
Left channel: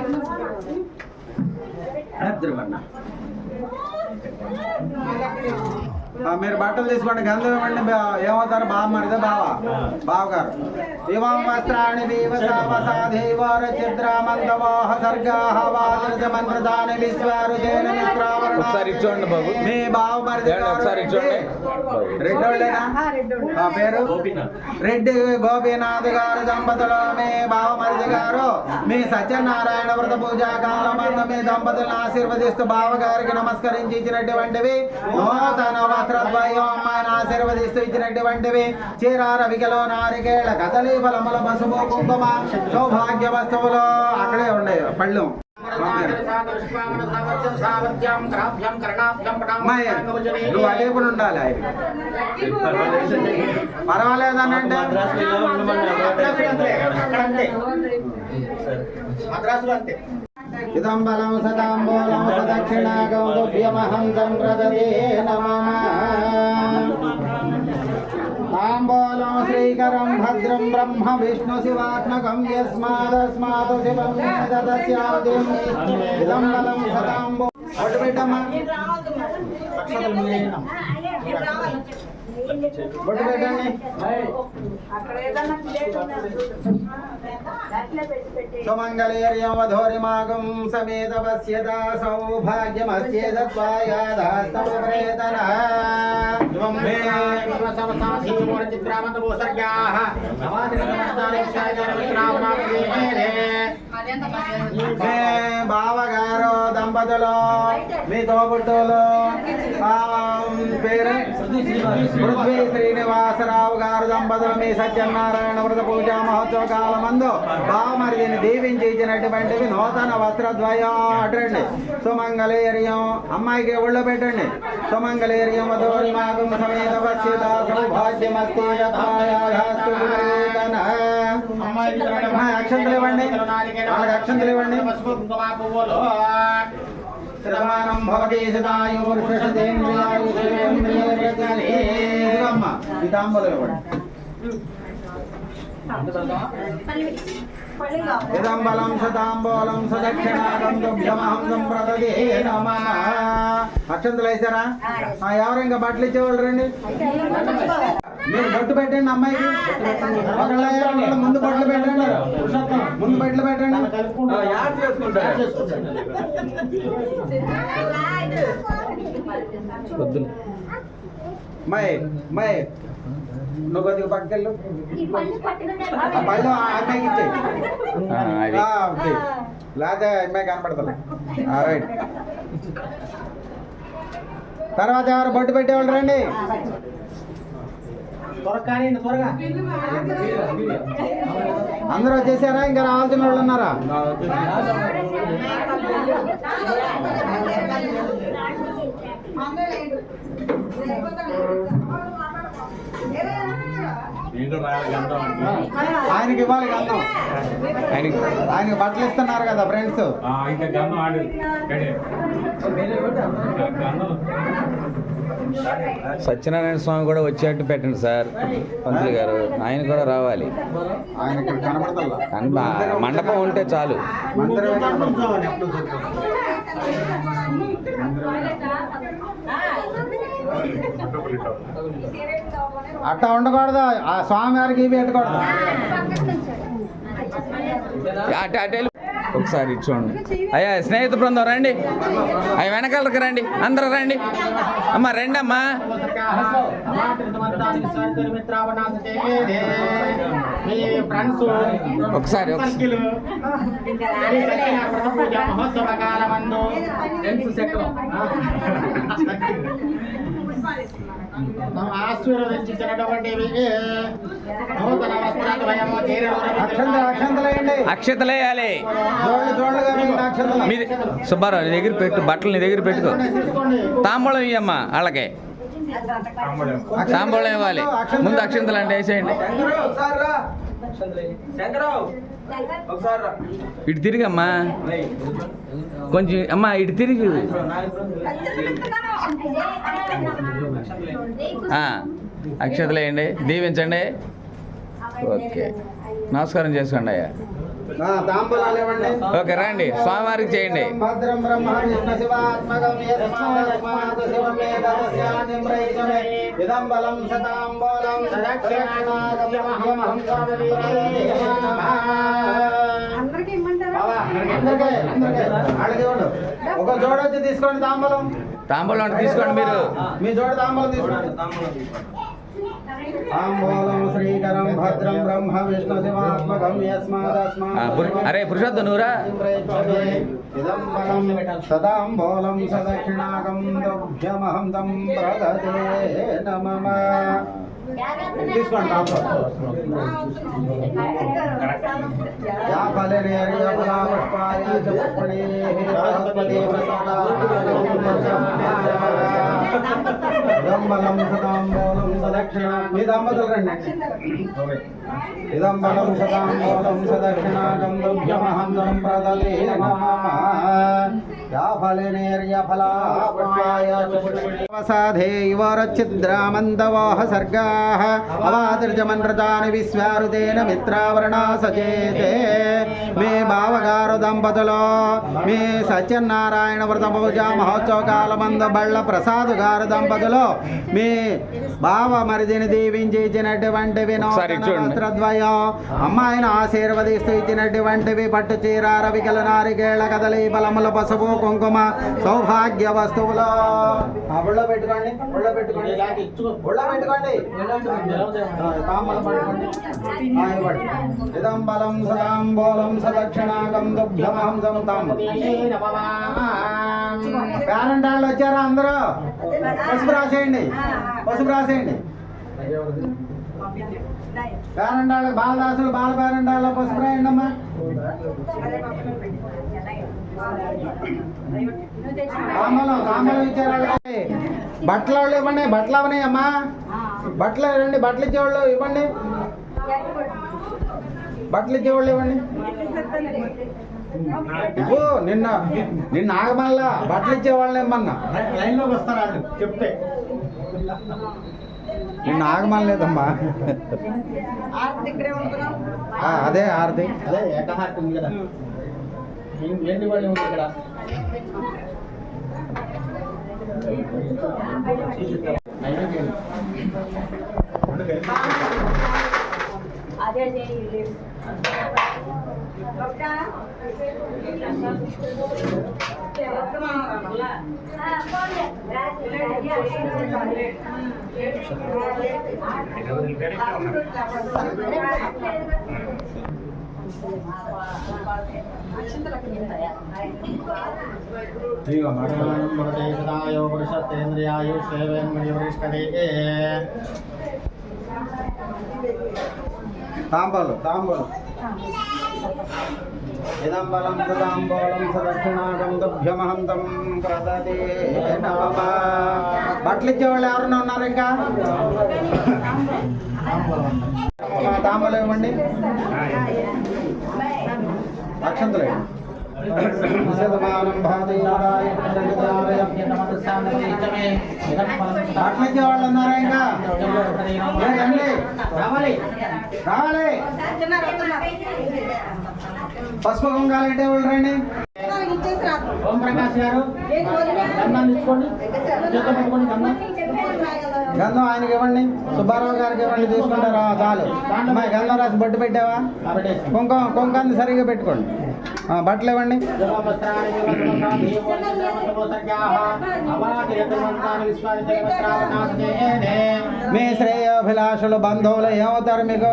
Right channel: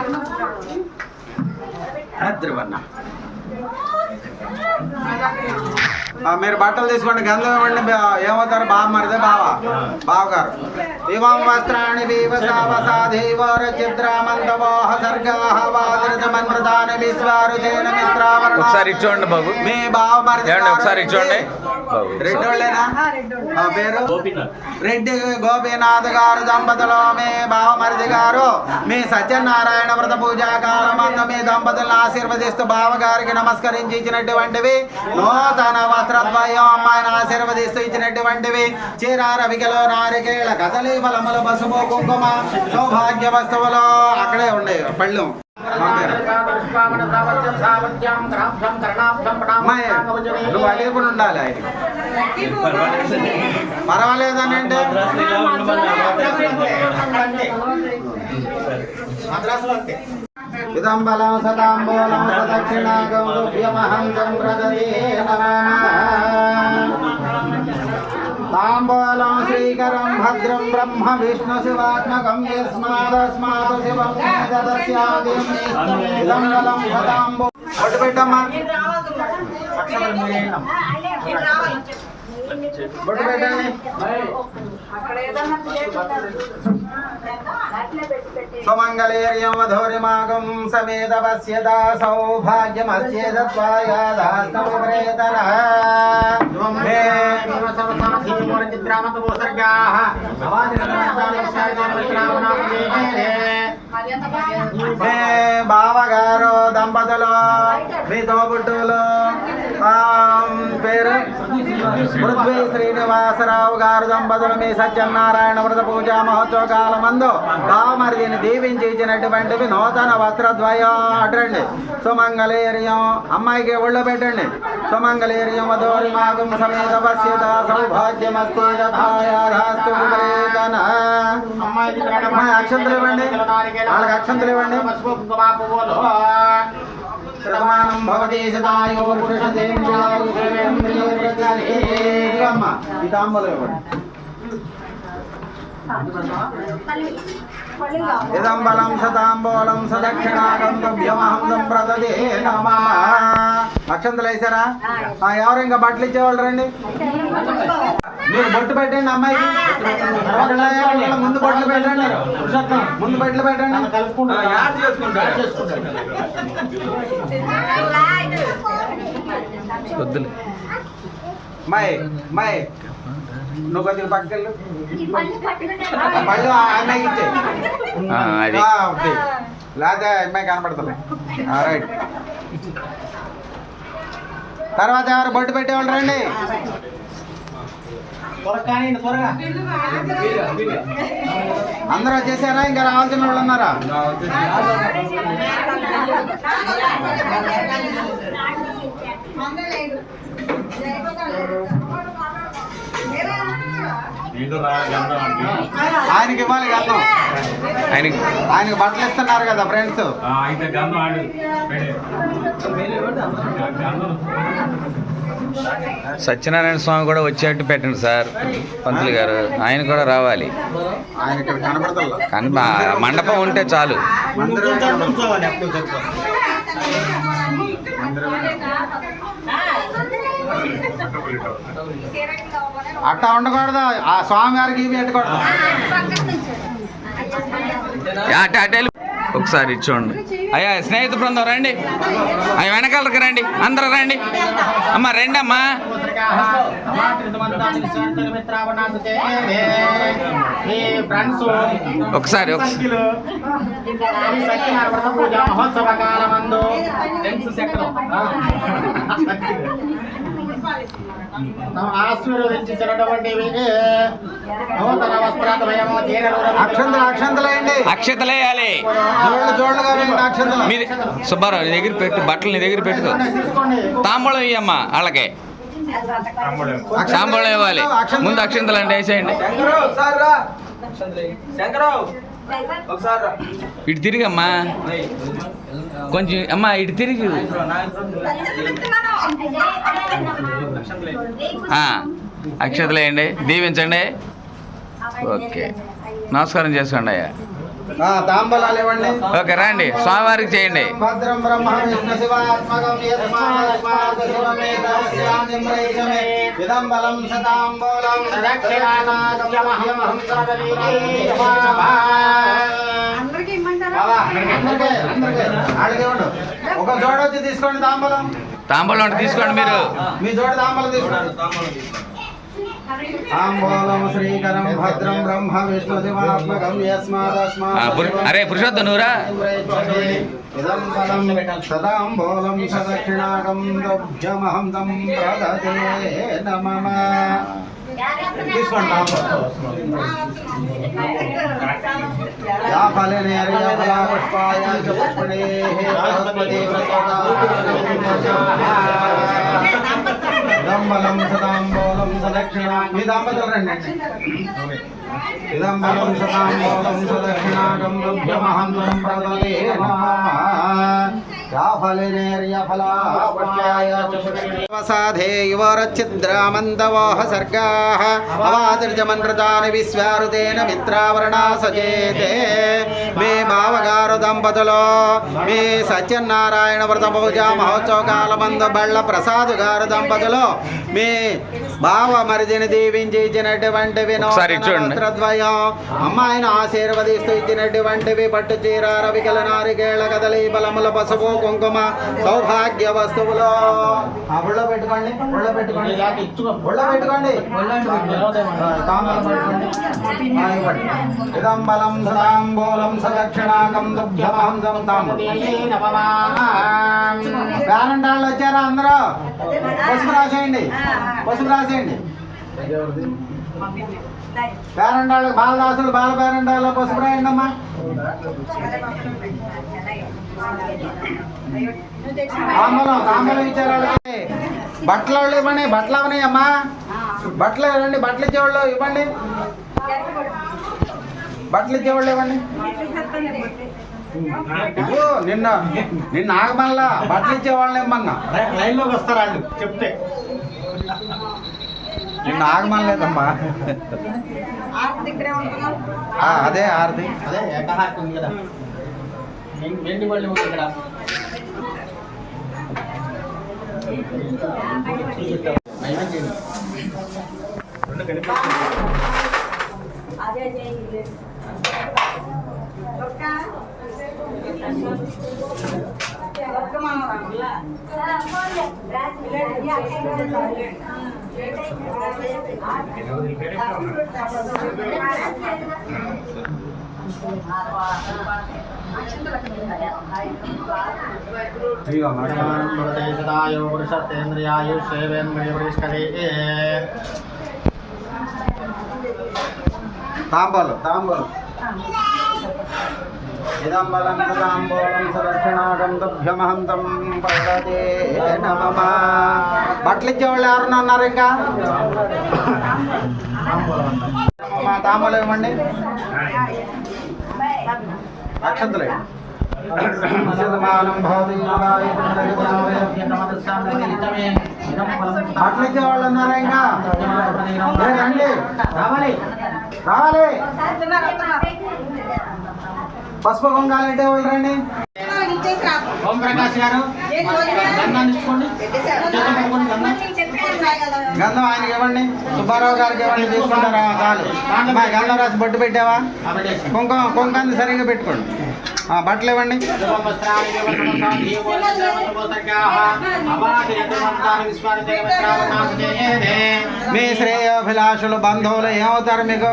మీరు బట్టలు తీసుకోండి, గంధం ఇవ్వండి. ఏమవుతారు? బావ మరిదే బావగారు. ఇవం వస్త్రాణి ఒకసారి ఇచ్చోండి బాబు. మీ బావ మరిది ఒకసారి ఇచ్చోండి. రెడ్డోళ్ళేనా? పేరు రెడ్డి గోపీనాథ్ గారు దంపతులు. మీ బావ మరిది గారు మీ సత్యనారాయణ వ్రత పూజా కాలమందు మీ దంపతులను ఆశీర్వదిస్తూ బావగారికి నమస్కరించి ఇచ్చినటువంటివి నూతన వస్త్రద్వయం అమ్మాయిని ఆశీర్వదిస్తూ ఇచ్చినటువంటివి చీర రవికలో నారికేళ కదలి ఫలముల పసుపు కుంకుమ సౌభాగ్య వస్తువులు అక్కడే ఉండే పళ్ళు. నువ్వు అదే కూడా ఉండాలి. పర్వాలేదనంటే ఇదం బలం సదాంబూలం సదక్షిణాగౌభ్యమహం సంప్రదదే నమః. తాంబూలం శ్రీకరం భద్రం బ్రహ్మ విష్ణు శివాత్మకం యస్మాదస్మాత్ శివం దదస్యాదిమి. ఇదం బలం సదాంబూ. బొట్టు పెట్టమ్మా. బొట్టు పెట్టండి. సుమంగళేర్యం వధూరిమాగం సమేత పశ్యత సౌభాగ్యమస్యేదత్వాయాదాస్తమృతన బావగారు దంపతులు మీ తోబుట్టులు పేరు పృథ్వీ శ్రీనివాసరావు గారు దంపతులు మీ సత్యనారాయణ వ్రత పూజా మహోత్సవ కాలమందు బావమరిదిని దీవించి ఇచ్చినటువంటివి నూతన వస్త్రద్వయం. అటండి. సుమంగళేర్యం అమ్మాయికి ఒళ్ళో పెట్టండి. సుమంగళేర్యం వధూరి మాగం సమేత పశ్యత సౌభాగ్యమస్తేతన. అమ్మాయి అక్షంతలు ఇవ్వండి, వాళ్ళకి అక్షంతలు ఇవ్వండి. ప్రమాణం భవతి సదాయు పురుషేంద్రియాయుషేంద్రియమ్మ ఈ తాంబూలం ఇవ్వండి. ఇదం బలం సతాంబూలం సదక్షిణాగంతవ్యమహం సంప్రదదే నమః. అక్షంతలు వేసారా? ఎవరు ఇంకా బట్టలు ఇచ్చేవాళ్ళు రండి. మీరు బొట్టు పెట్టండి అమ్మాయికి. ముందు బొట్లు పెట్టండి, ముందు బట్టలు పెట్టండి. వద్దులే. మై నువ్వు కొద్దిగా పక్కకెళ్ళు. పళ్ళు అమ్మాయికి ఇచ్చే లేదా అమ్మాయి కనపడుతుంది. రైట్. తర్వాత ఎవరు బొట్టు పెట్టేవాళ్ళు రండి. అందరూ వచ్చేసారా? ఇంకా రావాల్సిన వాళ్ళు ఉన్నారా? ఆయనకి ఇవ్వాలి గంధం. ఆయనకి బట్టలు ఇస్తున్నారు కదా ఫ్రెండ్స్. సత్యనారాయణ స్వామి కూడా వచ్చేట్టు పెట్టండి సార్. పంతులు గారు ఆయన కూడా రావాలి. ఆయన ఇక్కడ కనపడతారు. కానీ మండపం ఉంటే చాలు. అట్టా ఉండకూడదు. ఆ స్వామి గారికి ఇవి పెట్టకూడదు. అటే ఒకసారి ఇచ్చోండి. అయ్యా స్నేహితు బృందం రండి. అవి వెనకాలకి రండి, అందరూ రండి. అమ్మా రండి అమ్మా. మిత్రావనాశ చేసేదే మీ ఫ్రెండ్స్ ఒకసారి సర్కిల్ ఈ సత్యనారాయణ వ్రత పూజ మహోత్సవ కాలమందు ఫ్రెండ్స్ సెక్టర్ ఆశీర్వదించినటువంటి నూతన వస్త్రాద్వయము అక్షంతలేయండి. అక్షతలు వేయాలి. జోళ్ళుగా వేయండి అక్షంతలు. మీ సుబ్బారావు నీ దగ్గర పెట్టు, బట్టలు నీ దగ్గర పెట్టు. తీసుకోండి. తాంబూలం ఇయ్యమ్మా వాళ్ళకి. తాంబూలం ఇవ్వాలి. ముందు అక్షంతలు అంటే వేసేయండి. ఇటు తిరిగమ్మా కొంచెం. అమ్మా ఇటు తిరిగి. అక్షతలు వేయండి, దీవించండి. ఓకే, నమస్కారం చేసుకోండి అయ్యా. తాంబూలాలు ఇవ్వండి. ఓకే రండి, స్వామివారికి చేయండి. భద్రం బ్రహ్మ విష్ణు శివాత్మకం యస్మాదస్మాత్ శివమేతస్యానిమ్రైషమే ఇదం బలం శతాంబూలం ఒక జోడ వచ్చి తీసుకోండి తాంబూలం. తాంబూలం అంటే తీసుకోండి మీరు. మీ జోడ తాంబూలం తీసుకోండి. తాంబూలం శ్రీకరం భద్రం బ్రహ్మ విష్ణు శివాత్మకం యస్మాదస్మాత్ అరే పురుషోత్తం నువ్వురా. ఇదం బలం సదాంబూలం సదక్షిణాకం ద్రవ్యమహం తం ప్రదతే నమః. తీసుకోండి యా ఫలేన యా ఫలా పుష్పాయ చ పుష్పణేః బృహస్పతి ఇదం బలం సదాంబూలం సదక్షిణాకం. మీ దంపతులు రండి. ఇదం బలం సదాంబూలం సదక్షిణాకం ద్రవ్యమహం తం ప్రదతే నమః. యా ఫలేన యా ఫలా పుష్పాయ చ పుష్పణేః వసాధే యువరచ్చిద్రామందవాహ సర్గాః అవాతిర్జమన్రతాని విశ్వారుతేన మిత్రావరణా సచేతే. మే బావగారు దంపతులు మీ సత్యనారాయణ వ్రత పూజ మహోత్సవ కాలమంద బళ్ళ ప్రసాద్ గారు దంపతులు మీ బావ మరిదిని దీవించి ఇచ్చినటువంటివి వస్త్రద్వయం అమ్మాయిని ఆశీర్వదిస్తూ ఇచ్చినటువంటివి పట్టు చీర రవికల నారికేళ్ల కదలి బలముల పసుపు కుంకుమ సౌభాగ్య వస్తువులు. ఒళ్ళో పెట్టుకోండి, ఒళ్ళో పెట్టుకోండి, ఒళ్ళో పెట్టుకోండి. ఇదం బలం సదాంబూలం సదక్షిణాకం దుభ్యమహం తం. పేరంటాళ్ళు వచ్చారా అందరూ? పసుపు రాసేయండి, పసుపు రాసేయండి. పేరంటాళ్ళు బాలదాసులు బాల పేరంటాళ్ళు పసుపు రాయండి అమ్మా. తాంబూలం ఇచ్చారు. బట్టలు వాళ్ళు ఇవ్వండి, బట్టలు అవనాయి అమ్మా. బట్టలు ఇవ్వండి, బట్టలు ఇచ్చేవాళ్ళు ఇవ్వండి, బట్టలు ఇచ్చేవాళ్ళు ఇవ్వండి. ఇవ్వు. నిన్న ఆగమల్లా బట్టలు ఇచ్చేవాళ్ళని ఇమ్మన్నా. లైన్లోకి వస్తారా చెప్తే. నిన్న ఆగమనలేదమ్మా. అదే ఆరతి, అదే ఏకహారతి ఉంది కదా, వెండి వాళ్ళు ఉంది ఇక్కడ. సదాయో పురుషేంద్రియాయు సేవేంద్రియే. తాంబూలం ఇదం బలం సదాంబూలం సదక్షిణాకం దుభ్యమహం తం ప్రదతే నమః. బట్టలు ఇచ్చేవాళ్ళు ఎవరన్నా ఉన్నారు ఇంకా? తాంబూలం ఇవ్వండి, అక్షంతలు బట్టలు ఇచ్చేవాళ్ళు ఉన్నారా ఇంకా? రండి, రావాలి రావాలి. పసుపు కొంగాలంటే వాళ్ళు రండి. ఓం ప్రకాష్ గారు దండం తీసుకోండి, చేతులు పెట్టుకోండి. దండం గంధం ఆయనకి ఇవ్వండి, సుబ్బారావు గారికి ఇవ్వండి, తీసుకుంటారా? చాలు. అమ్మాయి గంధం రాసి బొట్టు పెట్టావా? కుంకాన్ని సరిగ్గా పెట్టుకోండి. బట్టలు ఇవ్వండి. మీ శ్రేయోభిలాషులు బంధువులు ఏమవుతారు మీకు?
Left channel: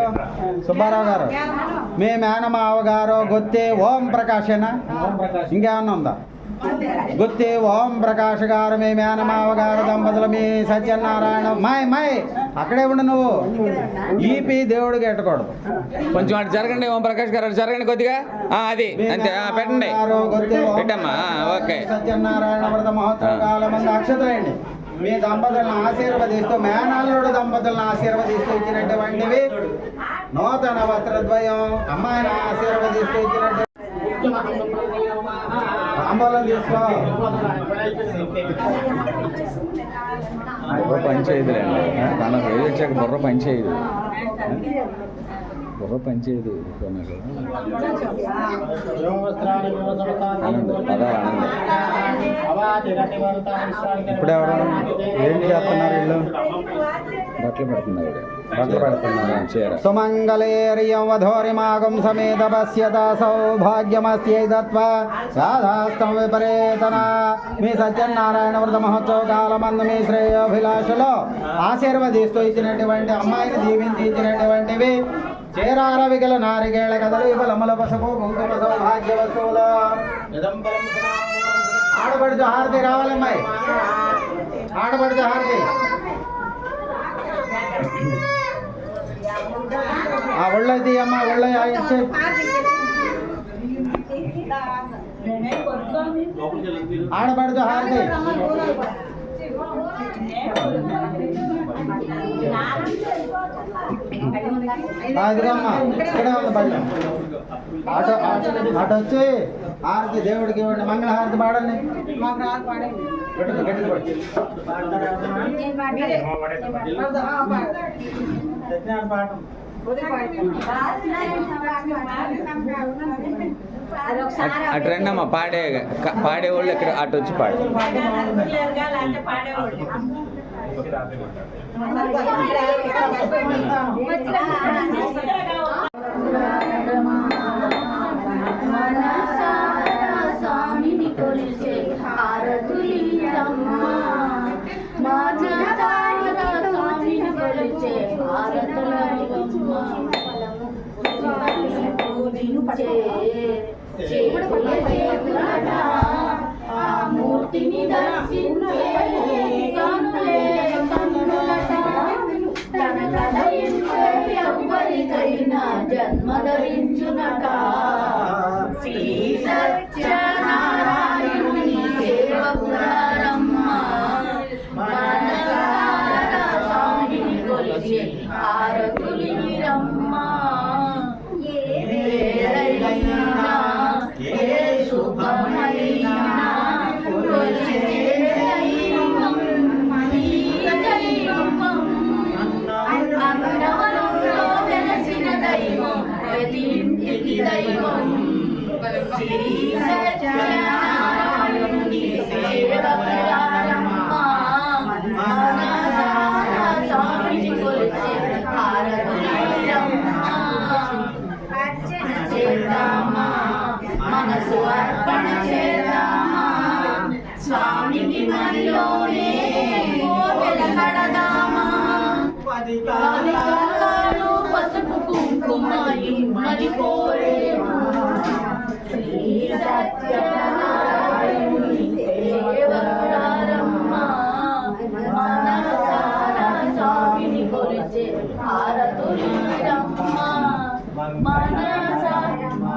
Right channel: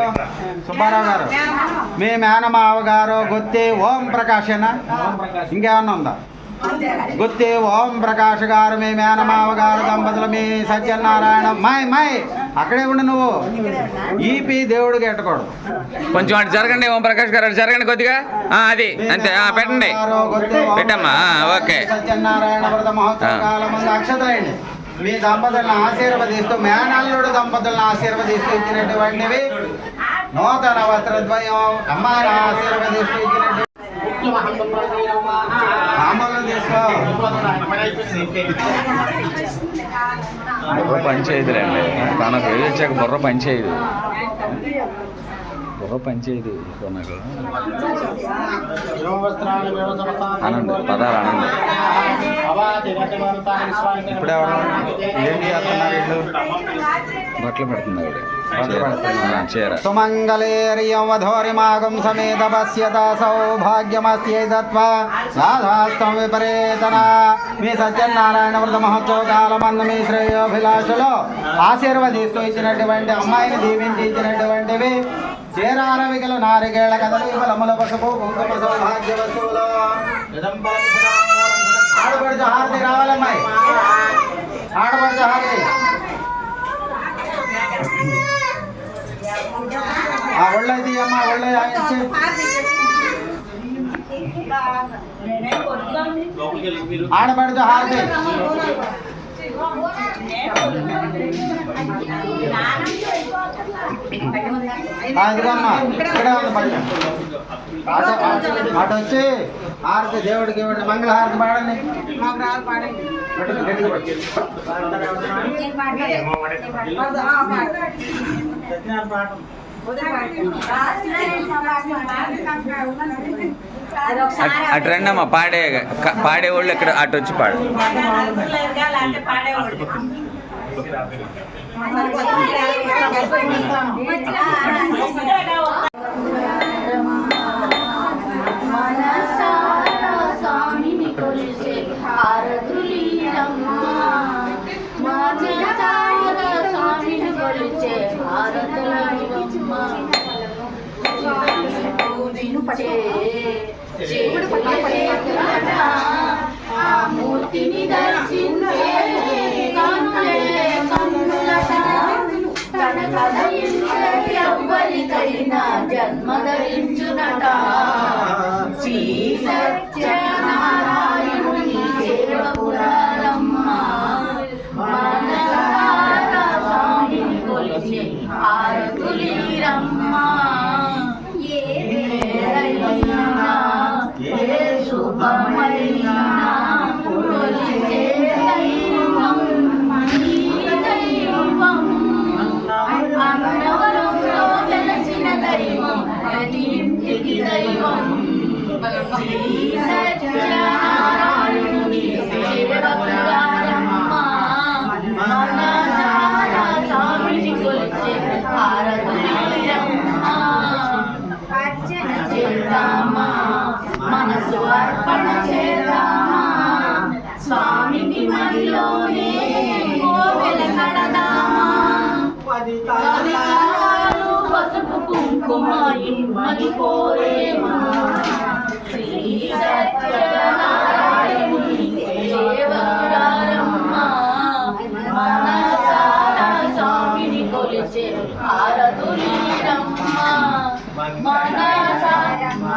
సుబ్బారావు గారు మీ మేనమావ గారు గుత్తి ఓం ప్రకాశేనా? ఇంకేమన్నా ఉందా? గుత్తి ఓం ప్రకాష్ గారు మీ మేనమావ గారు దంపతులు మీ సత్యనారాయణ. మాయ్ అక్కడే ఉండు నువ్వు. ఈపీ దేవుడికి ఎట్టకూడదు. కొంచెం అటు జరగండి. ఓం ప్రకాష్ గారు అటు జరగండి కొద్దిగా. అది అంతే, పెట్టండి, పెట్టమ్మా. ఓకే. సత్యనారాయణ వ్రత మహోత్సవ కాలం ముందు అక్షతలండి. మీ దంపతులను ఆశీర్వదిస్తూ, మేనల్లుడు దంపతులను ఆశీర్వదిస్తూ ఇచ్చినటువంటివి నూతన వస్త్రద్వయం అమ్మాయిని ఆశీర్వదిస్తూ ఇచ్చినటువంటి తాంబూలం తీసుకో. బుర్ర పనిచేయదులేండి. తనకు ఏది వచ్చాక బుర్ర పనిచేయదు. నాకు ఆనంద్ పదాలు ఆనంద్. ఇప్పుడు ఏంటి చేస్తున్నారు వీళ్ళు? బట్టలు పెడుతున్నారు. సుమంగళేర్యం వధోరిమాగం సమేత పశ్యత సౌభాగ్యమస్యైతత్వా రాధాస్తం విపరేతన. మీ సత్యనారాయణ వ్రత మహోత్సవ కాలమందు మీ శ్రేయోభిలాషులు ఆశీర్వదిస్తూ ఇచ్చినటువంటి అమ్మాయిని దీవించి ఇచ్చినటువంటివి చేరాల విగల నారికేళ కదలి బలముల పసుపు కుంకుమ సౌభాగ్య వస్తువులు. ఆడపడుచు హారతి రావాలమ్మాయి, ఆడపడుచు హారతి. ఒళ్ళైతే అమ్మ ఒళ్ళ ఇచ్చి ఆడపడుచు హారతి. ఇదిగమ్మా ఇక్కడే ఉంది పైన. అటు వచ్చి హారతి దేవుడికి ఇవ్వండి. మంగళహారతి పాడండి. అటు రండి అమ్మా. పాడేవాళ్ళు ఇక్కడ అటు వచ్చి పాడు. మూర్తిని దర్శించే తన కథ ఎవ్వరికైనా జన్మ ధరించునట. శ్రీ సత్యనారాయణుని సేవకురారమ్మ మనసారా స్వామిని కొలిచే హారతులీరమ్మ. ఏ శుభమైనా కొలిచే దైవం ఈ దైవం. అన్నవరంలో వెలసిన దైవం ప్రతి ఇంటికి దైవం. శ్రీ సత్యనారాయణుని సేవకురారమ్మ మనసారా స్వామిని కొలిచే హారతులీరమ్మ. అర్చన చేద్దామా, మనసు అర్పణ చేద్దామా, స్వామికి మదిలోనే కోవెల కడదామా. కవికాలు పసుపు కుంకుమ ఇమ్మని కోరేమా. శ్రీ సత్యనారాయణుని సేవకురారమ్మ మనసారా స్వామిని కొలిచే హారతులీరమ్మ. మంగళమణరమ్మ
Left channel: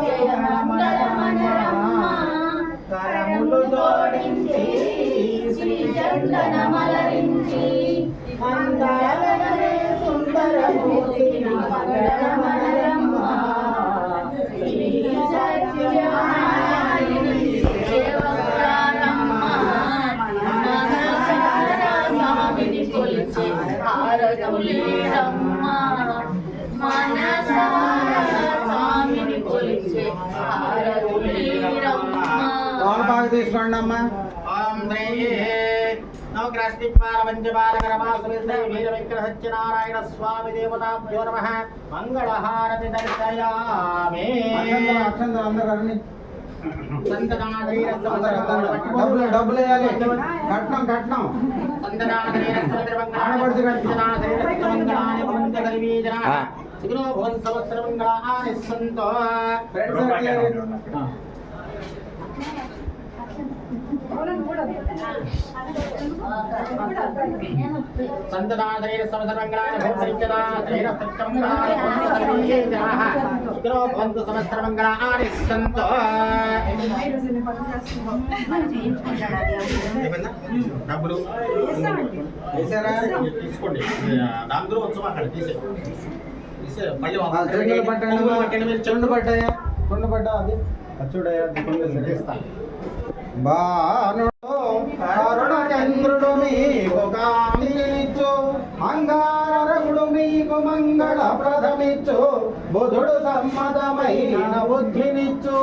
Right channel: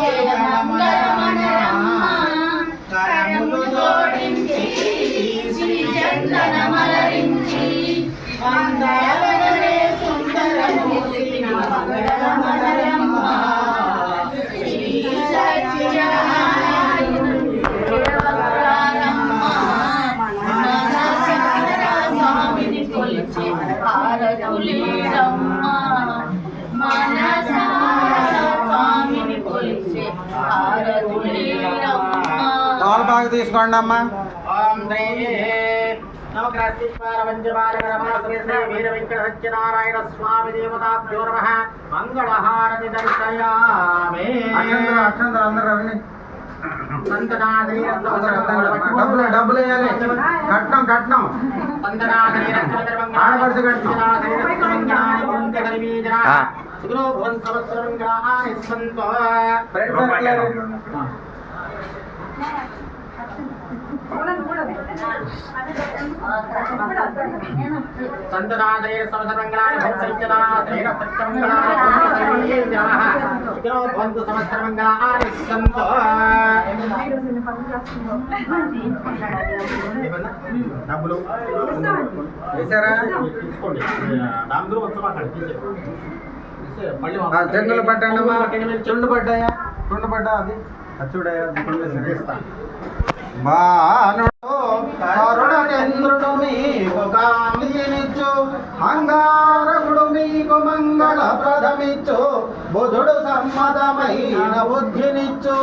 జయ మంగళమణరమ్మ. కరములు జోడించి శ్రీ చందనమలరించి మంగళవదనే సుందరమూర్తిని మంగళమణరమ్మ. శ్రీ సత్యనారాయణుని సేవకురారమ్మ మనసారా స్వామిని కొలిచే హారతులీరమ్మ. మనసారా స్వామిని కొలిచే హారతులీరమ్మ. తోలు బాగా తీసుకోండి అమ్మా. వీర వెంకట సత్యనారాయణ స్వామి దేవతాభ్యో నమః మంగళహారతి దర్శయామి. అక్షంతలు అందరూ రండి. డబ్బులు డబ్బులు వేయాలి. కట్నం కట్నం ఆడపడుచు కట్నం. సంతనాదరేణ సమస్తమంగళాని భవంతుచనాదరేణ భవంతు సమస్తమంగళాని సంతో. డబ్బులు వేసారా? తీసుకోండి. దాంట్లో వచ్చి మాట్లాడి తీసే మళ్ళీ చెంగులు పట్టండి. చెండు పడ్డాయా? చుండు పడ్డా అది చూడయా? బాణుడు కరుణచంద్రుడు మీకు కామినిచ్చు, అంగారకుడు మీకు మంగళ ప్రథమిచ్చు, బుధుడు సమ్మతమైన బుద్ధినిచ్చు,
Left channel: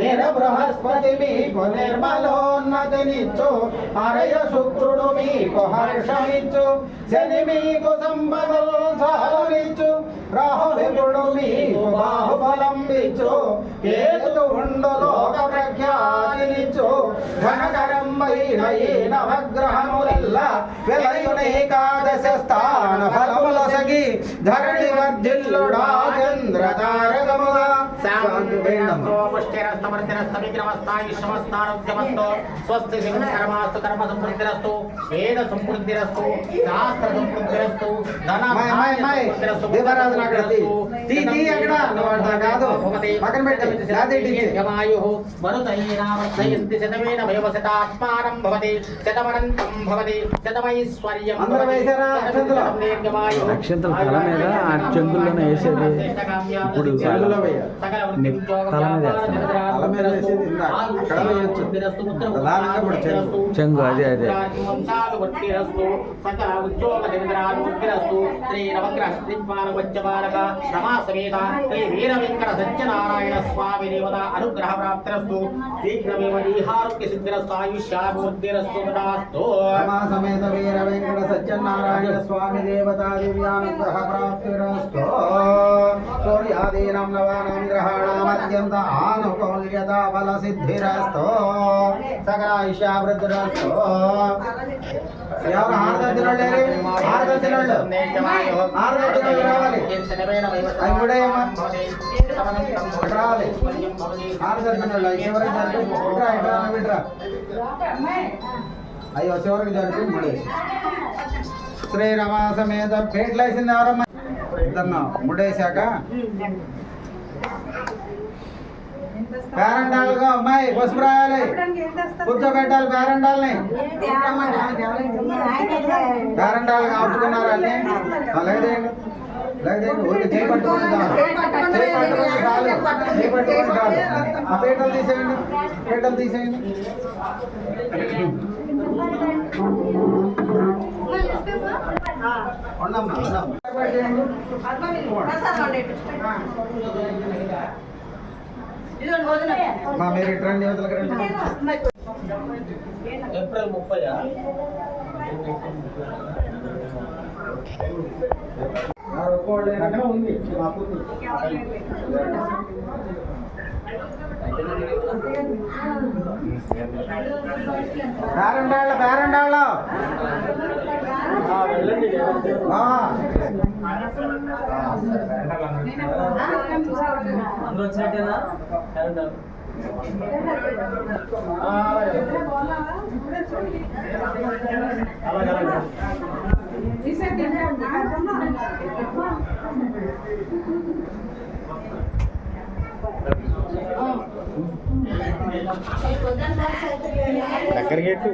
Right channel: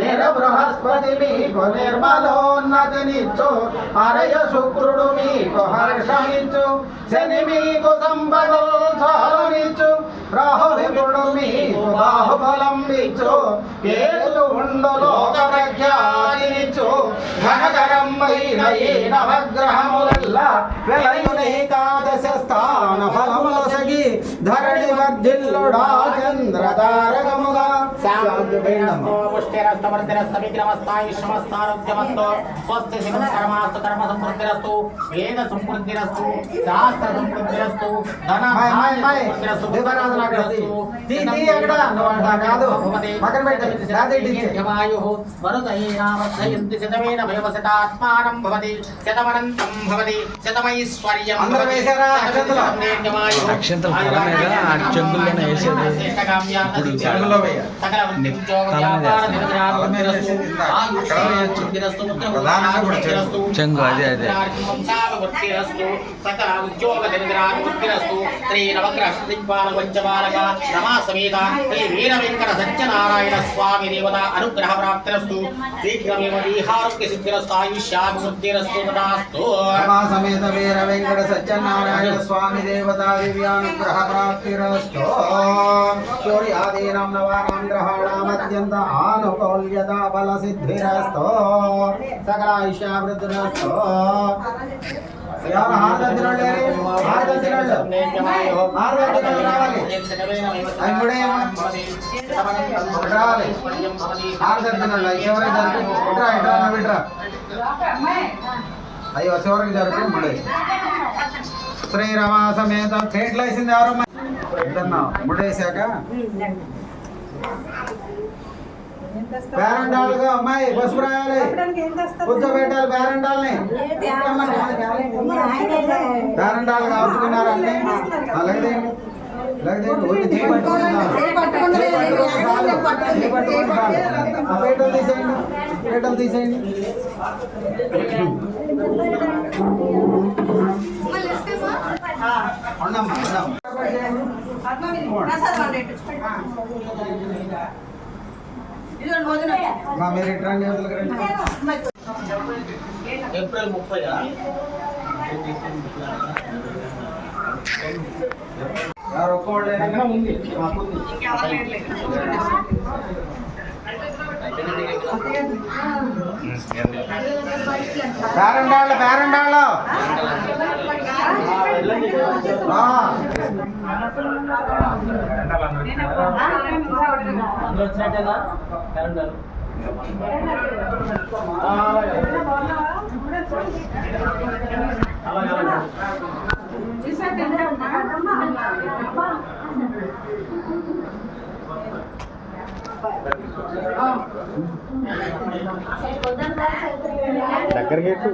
నిర బృహస్పతి మీకు నిర్మలోన్నతినిచ్చు, హరయ శుక్రుడు మీకు హర్షమిచ్చు, శని మీకు సంపదనిచ్చు, రాహుడు మీకు బాహుబలం ఇచ్చు, కేతు ఉండు లోక ప్రఖ్యాతినిచ్చు, ఘనకరమైన ఈ నవగ్రహములల్లా వెలయునేకాదశ స్థాన ఫలములసగి ధరణి వర్ధిల్లుడా చంద్ర తారకముగా పక్కన పెట్టి అందరూ వేశారా? అక్షంతలు తల మీద ఆ చెంబుల్లోనే వేసేది. ఇప్పుడు చెంబులో వేయాలి. తల మీద వేసేది. ప్రధానంగా ఇప్పుడు చెంగు అదే అదే. సకల ఉద్యోగ శ్రీ నవగ్రహ శ్రీపాల పంచబాలక రమా సమేత శ్రీ వీర వెంకట సత్యనారాయణ స్వామి దేవత అనుగ్రహ ప్రాప్తిరస్తు. శీఘ్రమేవ దేహారోగ్య సిద్ధిరస్తు ఆయుష్యాభివృద్ధిరస్తు తదాస్తు. సమేత వీర వెంకట సత్యనారాయణ స్వామి దేవతా దివ్యానుగ్రహ ప్రాప్తిరస్తు. సూర్యాదీనాం నవానాం గ్రహాణాం అత్యంత ఆనుకూల్యత బల సిద్ధిరస్తు. సకలాయుష్యాభివృద్ధిరస్తు. హారతి రావాలి. అయ్యో చివరికి జరుపు ముడే. శ్రీరమా సమేత ఫేట్లు వేసింది ఎవరమ్మా? ఇద్దన్నా ముడేశాక పేరండాలుగా అమ్మాయి పసుపు రాయాలి. కూర్చోబెట్టాలి పేరండాలని. పేరండాలుగా ఉంచుకున్నారు అన్ని. లేదండి పీటలు తీసేయండి. పీటలు తీసేయండి. ఉండమ్మా మీరు ఇటు రండి. ఏప్రిల్ 30 ఎవరు ఒక్కోళ్ళు ఉంది. మాకుంది. పేరండాళ్ళు పేరండాళ్ళు వచ్చినట్టేనా కరెంట్ దగ్గరికి ఎట్టు